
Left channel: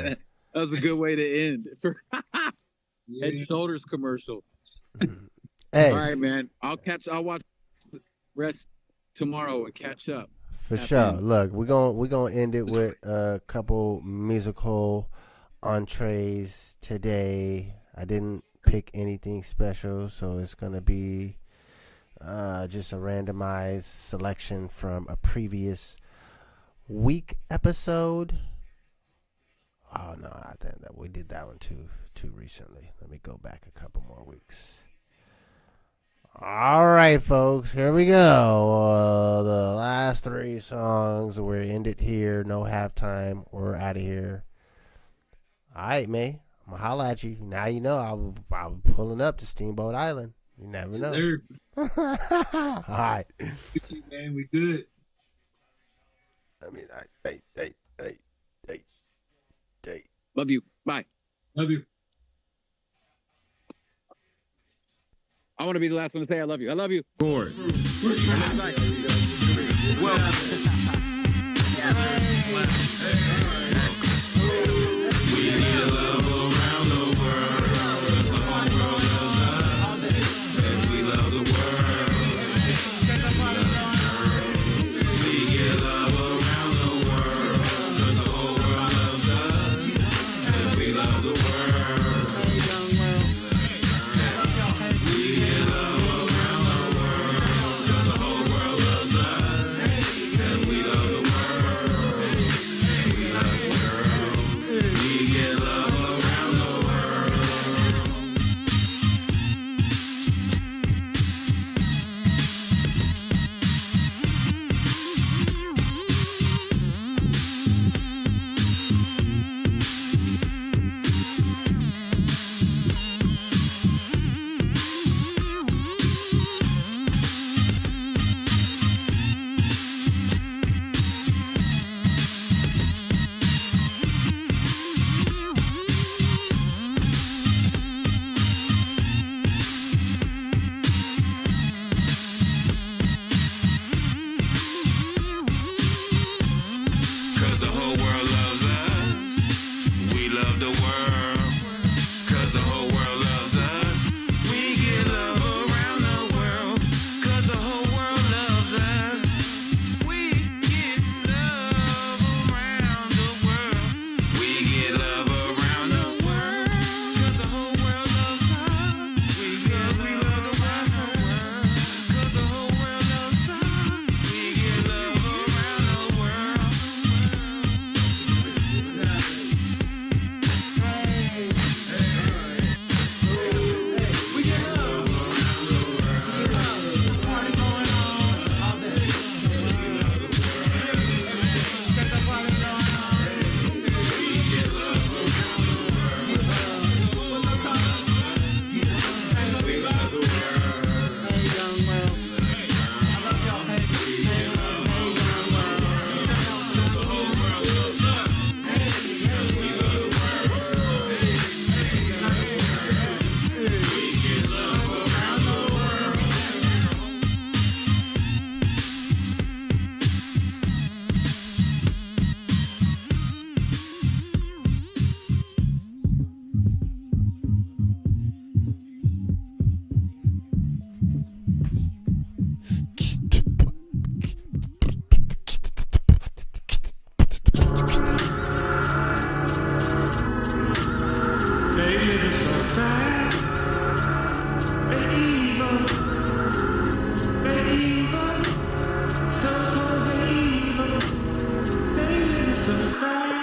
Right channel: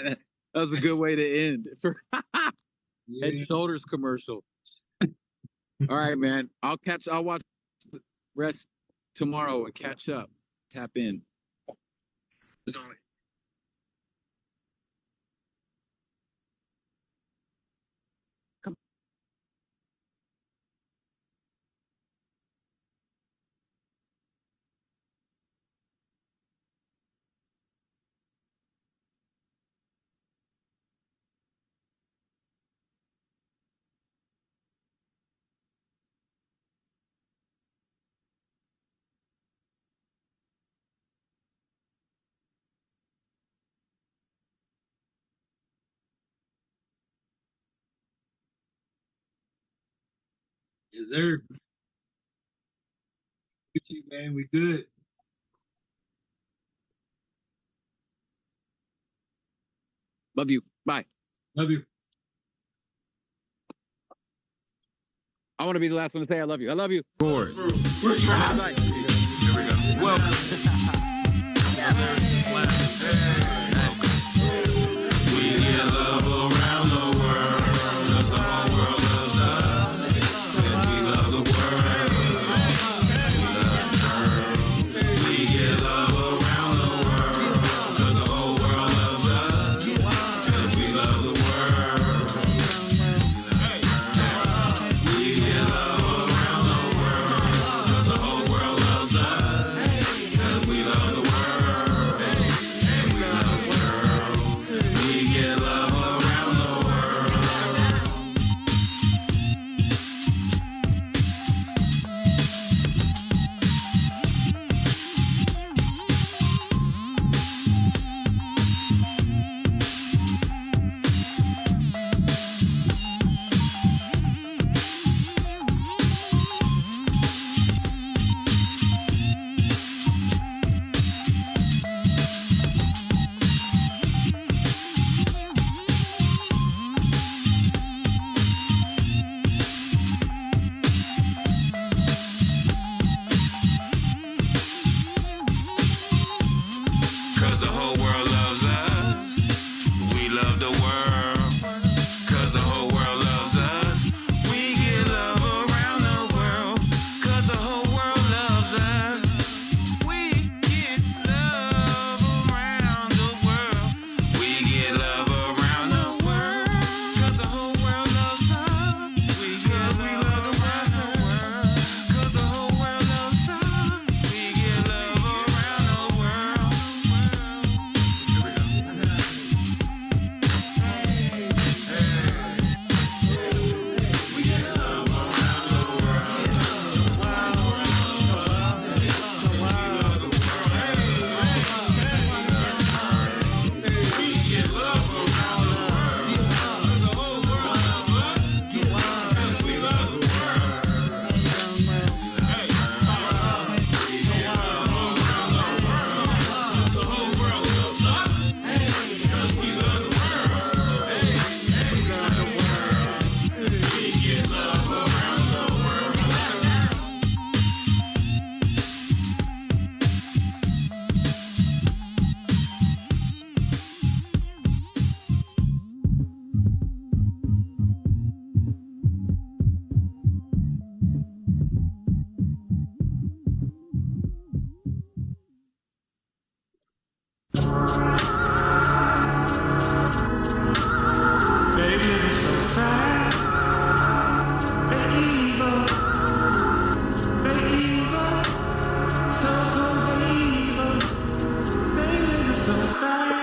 that was a good way to end for Yeah. Head Shoulders commercial. Hey, All right, man. I'll watch the rest tomorrow and catch up. for tap sure. in. Look, we're gonna end it with a couple musical entrees today. I didn't pick anything special, so it's gonna be just a randomized selection from a previous week episode. Oh no, I think that we did that one too recently. Let me go back a couple more weeks. All right, folks, here we go. The last three songs. We're ended here. No halftime. We're out of here. All right, man. I'm gonna holla at you. Now you know I'm pulling up to Steamboat Island. You never know. Yes, sir. All right. Gucci, man, we good. I mean, hey. Love you. Bye. Love you. I want to be the last one to say I love you. I love you. Board. I love you. Bye. Welcome. The lyricist lounge. Welcome. We get love around the world, 'cause the whole world loves us. 'Cause we love the world. We love the girls. We get love around the world, 'cause the whole world loves us. 'Cause we love the world. Yeah. We get love around the world, 'cause the whole world loves us. 'Cause we love the world. And we love the girls. We get love around the world. Cause the whole world loves us. We love the world. Cause the whole world loves us. We get love around the world. Cause the whole world loves us. We get love around the world. We get love around the world. Cause the whole world loves us. We get love around the world. Cause the whole world loves us. We get love around the world. They living so fast. They evil. They evil. So cold, they evil. They living so fast.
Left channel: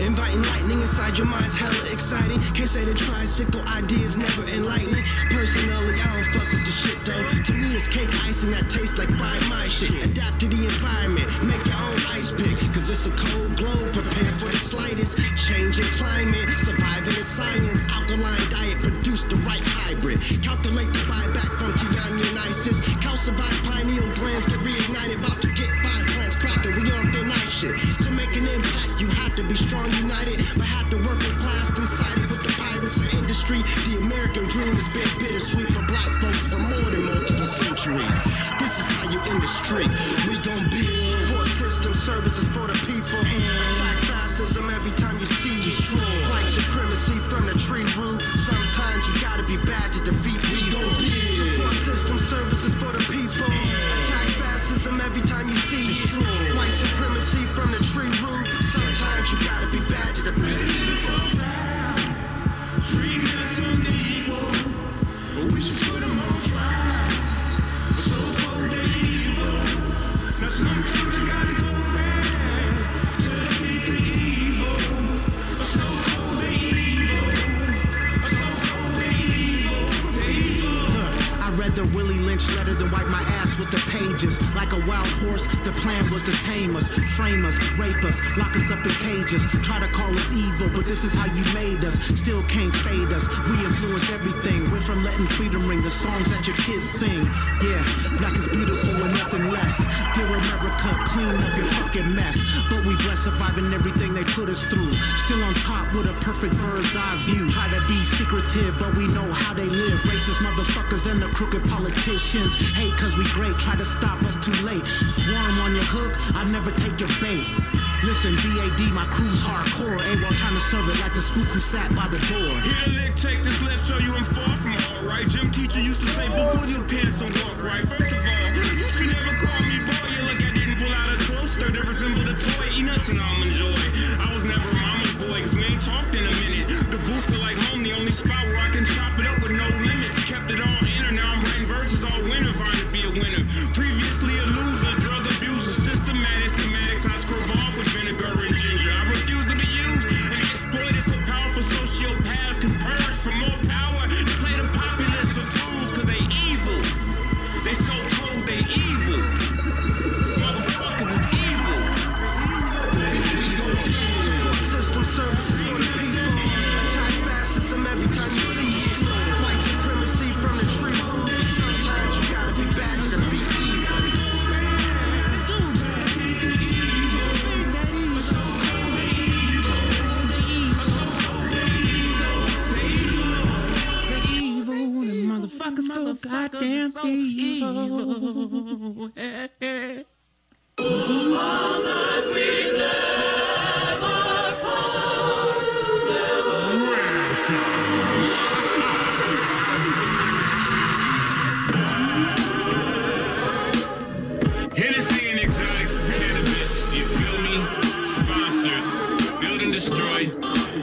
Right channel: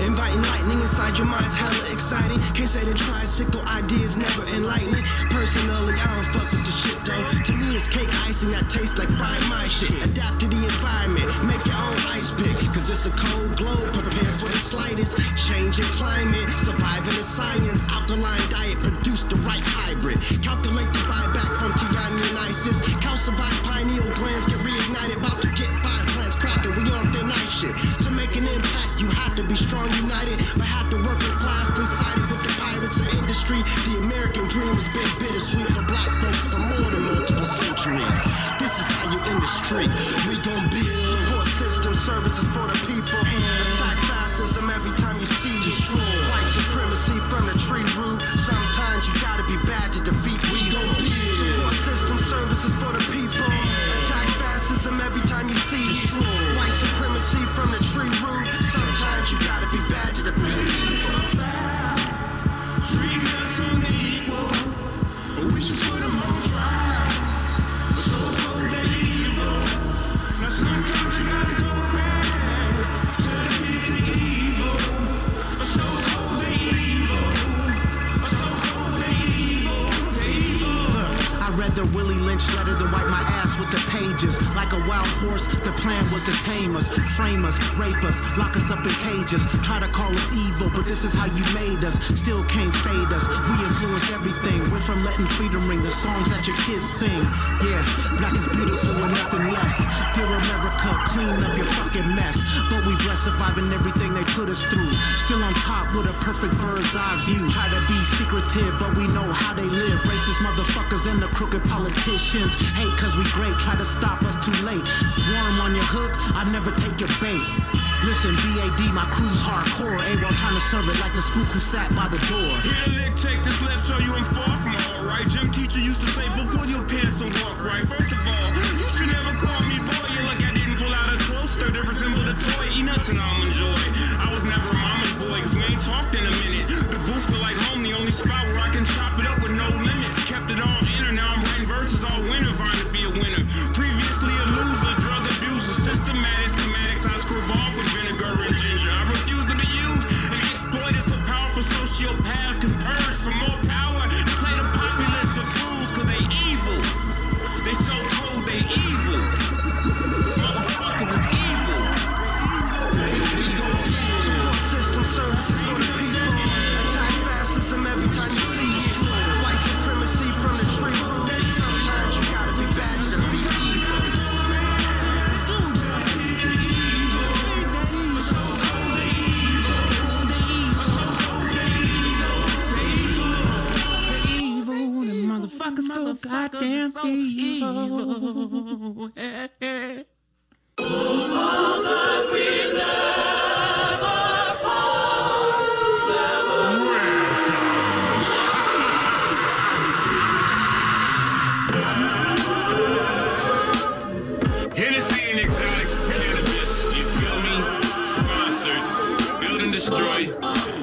Inviting lightning inside your mind's hella exciting. Can't say the tricycle idea is never enlightening. Personally, I don't fuck with the shit though. To me, it's cake icing that tastes like fried my shit. Adapt to the environment, make your own ice pick. Cause it's a cold globe, prepare for the slightest change in climate. Surviving the science, alkaline diet, produce the right hybrid. Calculate the buyback from Tiani and ISIS. Calcified pineal glands get reignited. About to get 5 plants cracking, we on thin ice shit. To make an impact, you have to be strong, united, but have to work in class coincided with the pirates of industry. The American dream has been bittersweet for black folks for more than multiple centuries. This is how you end the streak. We gon' build support system services for the people. Attack fascism every time you see destroy. White supremacy from the tree root. Sometimes you gotta be bad to defeat. We gon' build support system services for the people. Attack fascism every time you see destroy. White supremacy from the tree root. Sometimes you gotta be bad to defeat evil. Treating us unequal. We should put them on trial. So cold, they evil. Now sometimes you gotta go back to defeat the evil. So cold, they evil. So cold, they evil. They evil. I'd rather Willie Lynch letter than wipe my ass with the pages. Like a wild horse, the plan was to tame us, frame us, rape us, lock us up in cages. Try to call us evil, but this is how you made us. Still can't fade us. We influenced everything. Went from letting freedom ring the songs that your kids sing. Yeah, black is beautiful and nothing less. Dear America, clean up your fucking mess. But we blessed surviving everything they put us through. Still on top with a perfect bird's eye view. Try to be secretive, but we know how they live. Racist motherfuckers and the crooked politicians hate cause we great, try to stop us too late. Worm on your hook, I never take your bait. Listen, BAD, my crew's hardcore. A-Wall trying to serve it like the spook who sat by the door. Hit a lick, take this left, show you I'm far from alright. Gym teacher used to say, but put your pants on, walk right. First of all, you should never call me boy. You look, I didn't pull out a toaster that resembled a toy. Eat nuts and almond joy. I was never mama's boy, cause we ain't talked in a minute. The booth feel like home, the only spot where I can chop it up with no limits. Kept it all in, now I'm writing verses all winter, vying to be a winner. Previously a loser, drug abuser, systematic schematics I scrub off with vinegar and ginger. I refuse to be used and exploited so powerful sociopaths can purge for more power and play the populace for fools cause they evil. They so cold, they evil. Motherfuckers is evil. We gon' build support system services for the people. Attack fascism every time you see it. White supremacy from the tree root. Sometimes you gotta be bad to defeat evil. Motherfuckers so goddamn evil. All that we never part, welcome. Hennessy and exotics, cannabis, you feel me? Sponsored, build and destroy,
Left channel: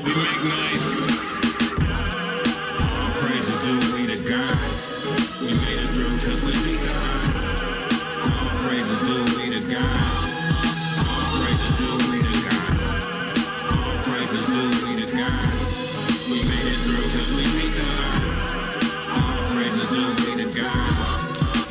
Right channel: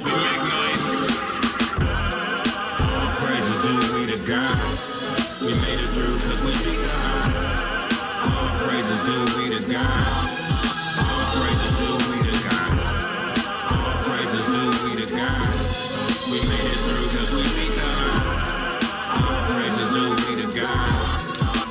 we make noise. All praise is due, we the gods. We made it through cause we beat the odds. All praise is due, we the gods. All praise is due, we the gods. All praise is due, we the gods. We made it through cause we beat the odds. All praise is due, we the gods.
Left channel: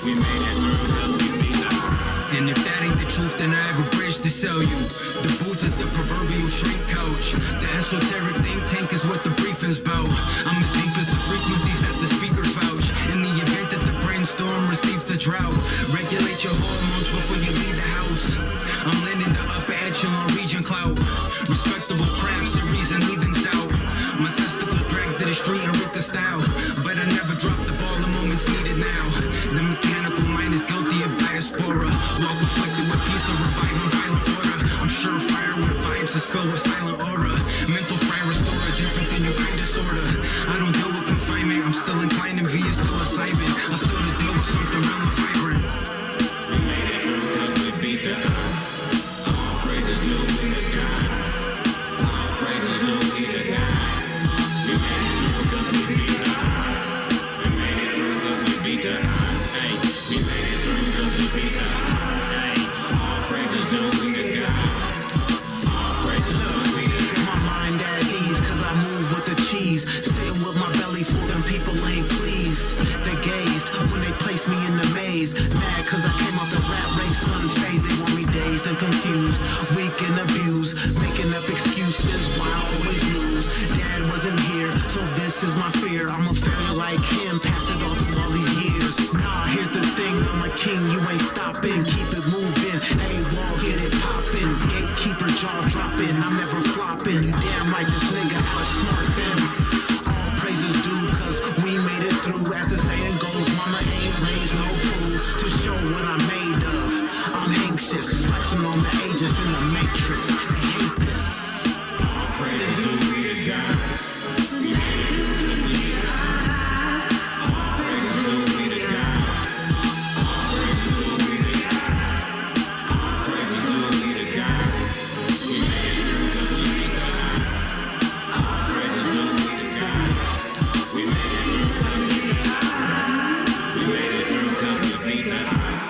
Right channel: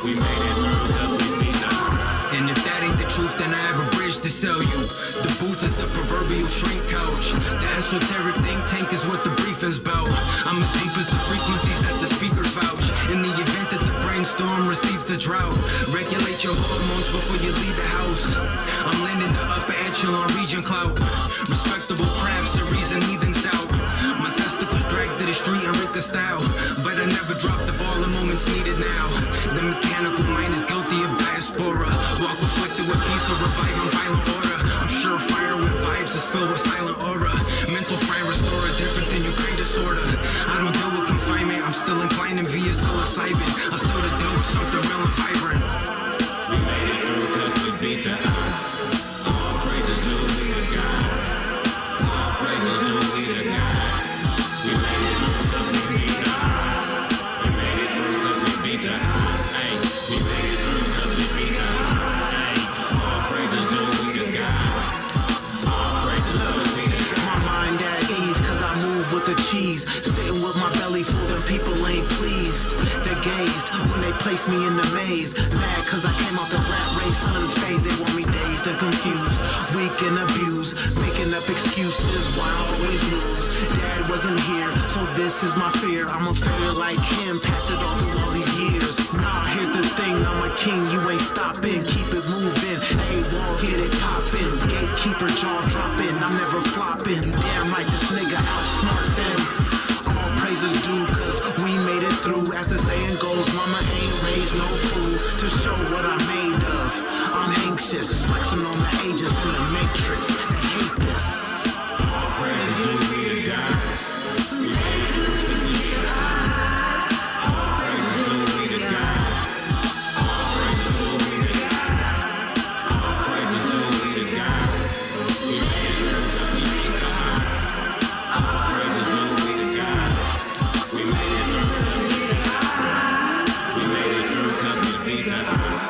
We made it through cause we beat the odds. And if that ain't the truth, then I have a bridge to sell you. The booth is the proverbial shrink couch. The esoteric think tank is what the briefing's about. I'm as deep as the frequencies that the speakers vouch. In the event that the brainstorm receives the drought, regulate your hormones before you leave the house. I'm landing the upper echelon region clout. Respectable crafts, a reason heathens doubt. My testicles dragged to the street in Rika style, but I never dropped the ball in moments needed now. The mechanical mind is guilty of diaspora. Walk afflicted with peace or reviving violent order. I'm sure fire with vibes is filled with silent aura. Mental fry restorer, different than you kinda sorta. I don't deal with confinement, I'm still inclined via psilocybin. I still to deal with something real and vibrant. We made it. beat the odds. All praises due we the God. All praises due we the God. We made it through cause we beat the odds. We made it through cause we beat the odds. Hey, we made it through cause we beat the odds. Hey, all praises due we the God. All praises due we the God. My mind at ease, cause I move with the cheese. Sitting with my belly full, them people ain't pleased. They gazed when they placed me in the maze. Mad cause I came out the rat race unfazed. They want me dazed and confused, weak and abused, making up excuses why I always lose. Dad wasn't here, so this is my fear. I'm a failure like him, passed it all through all these years. Nah, here's the thing, I'm a king, you ain't stopping. Keep it moving, A-wall, get it popping. Gatekeeper, jaw dropping, I'm never flopping. You damn right, this nigga outsmart them. All praises due, cause we made it through. As the saying goes, mama ain't raised no fool to show what I'm made of. I'm anxious, flexing on the ages in the matrix. They hate this. All praises due we the gods. We made it through cause we beat the odds. All praises due we the gods. All praises due we the gods. All praises due we the gods. We made it through cause we beat the odds. All praises due we the gods. We made it through cause we beat the odds. We made it through cause we beat the odds.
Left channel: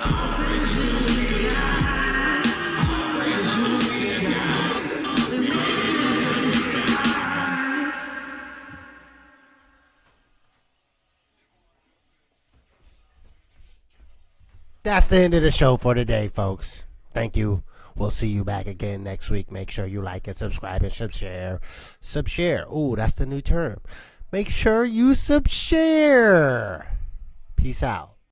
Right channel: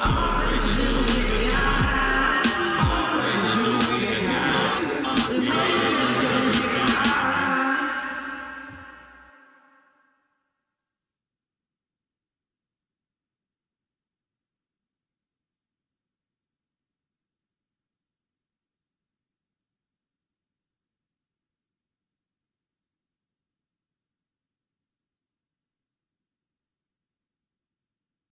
All praises due we the gods. All praises due we the gods. We made it through cause we beat the odds. That's the end of the show for today, folks. Thank you. We'll see you back again next week. Make sure you like and subscribe and subshare. Subshare. Ooh, that's the new term. Make sure you subshare. Peace out.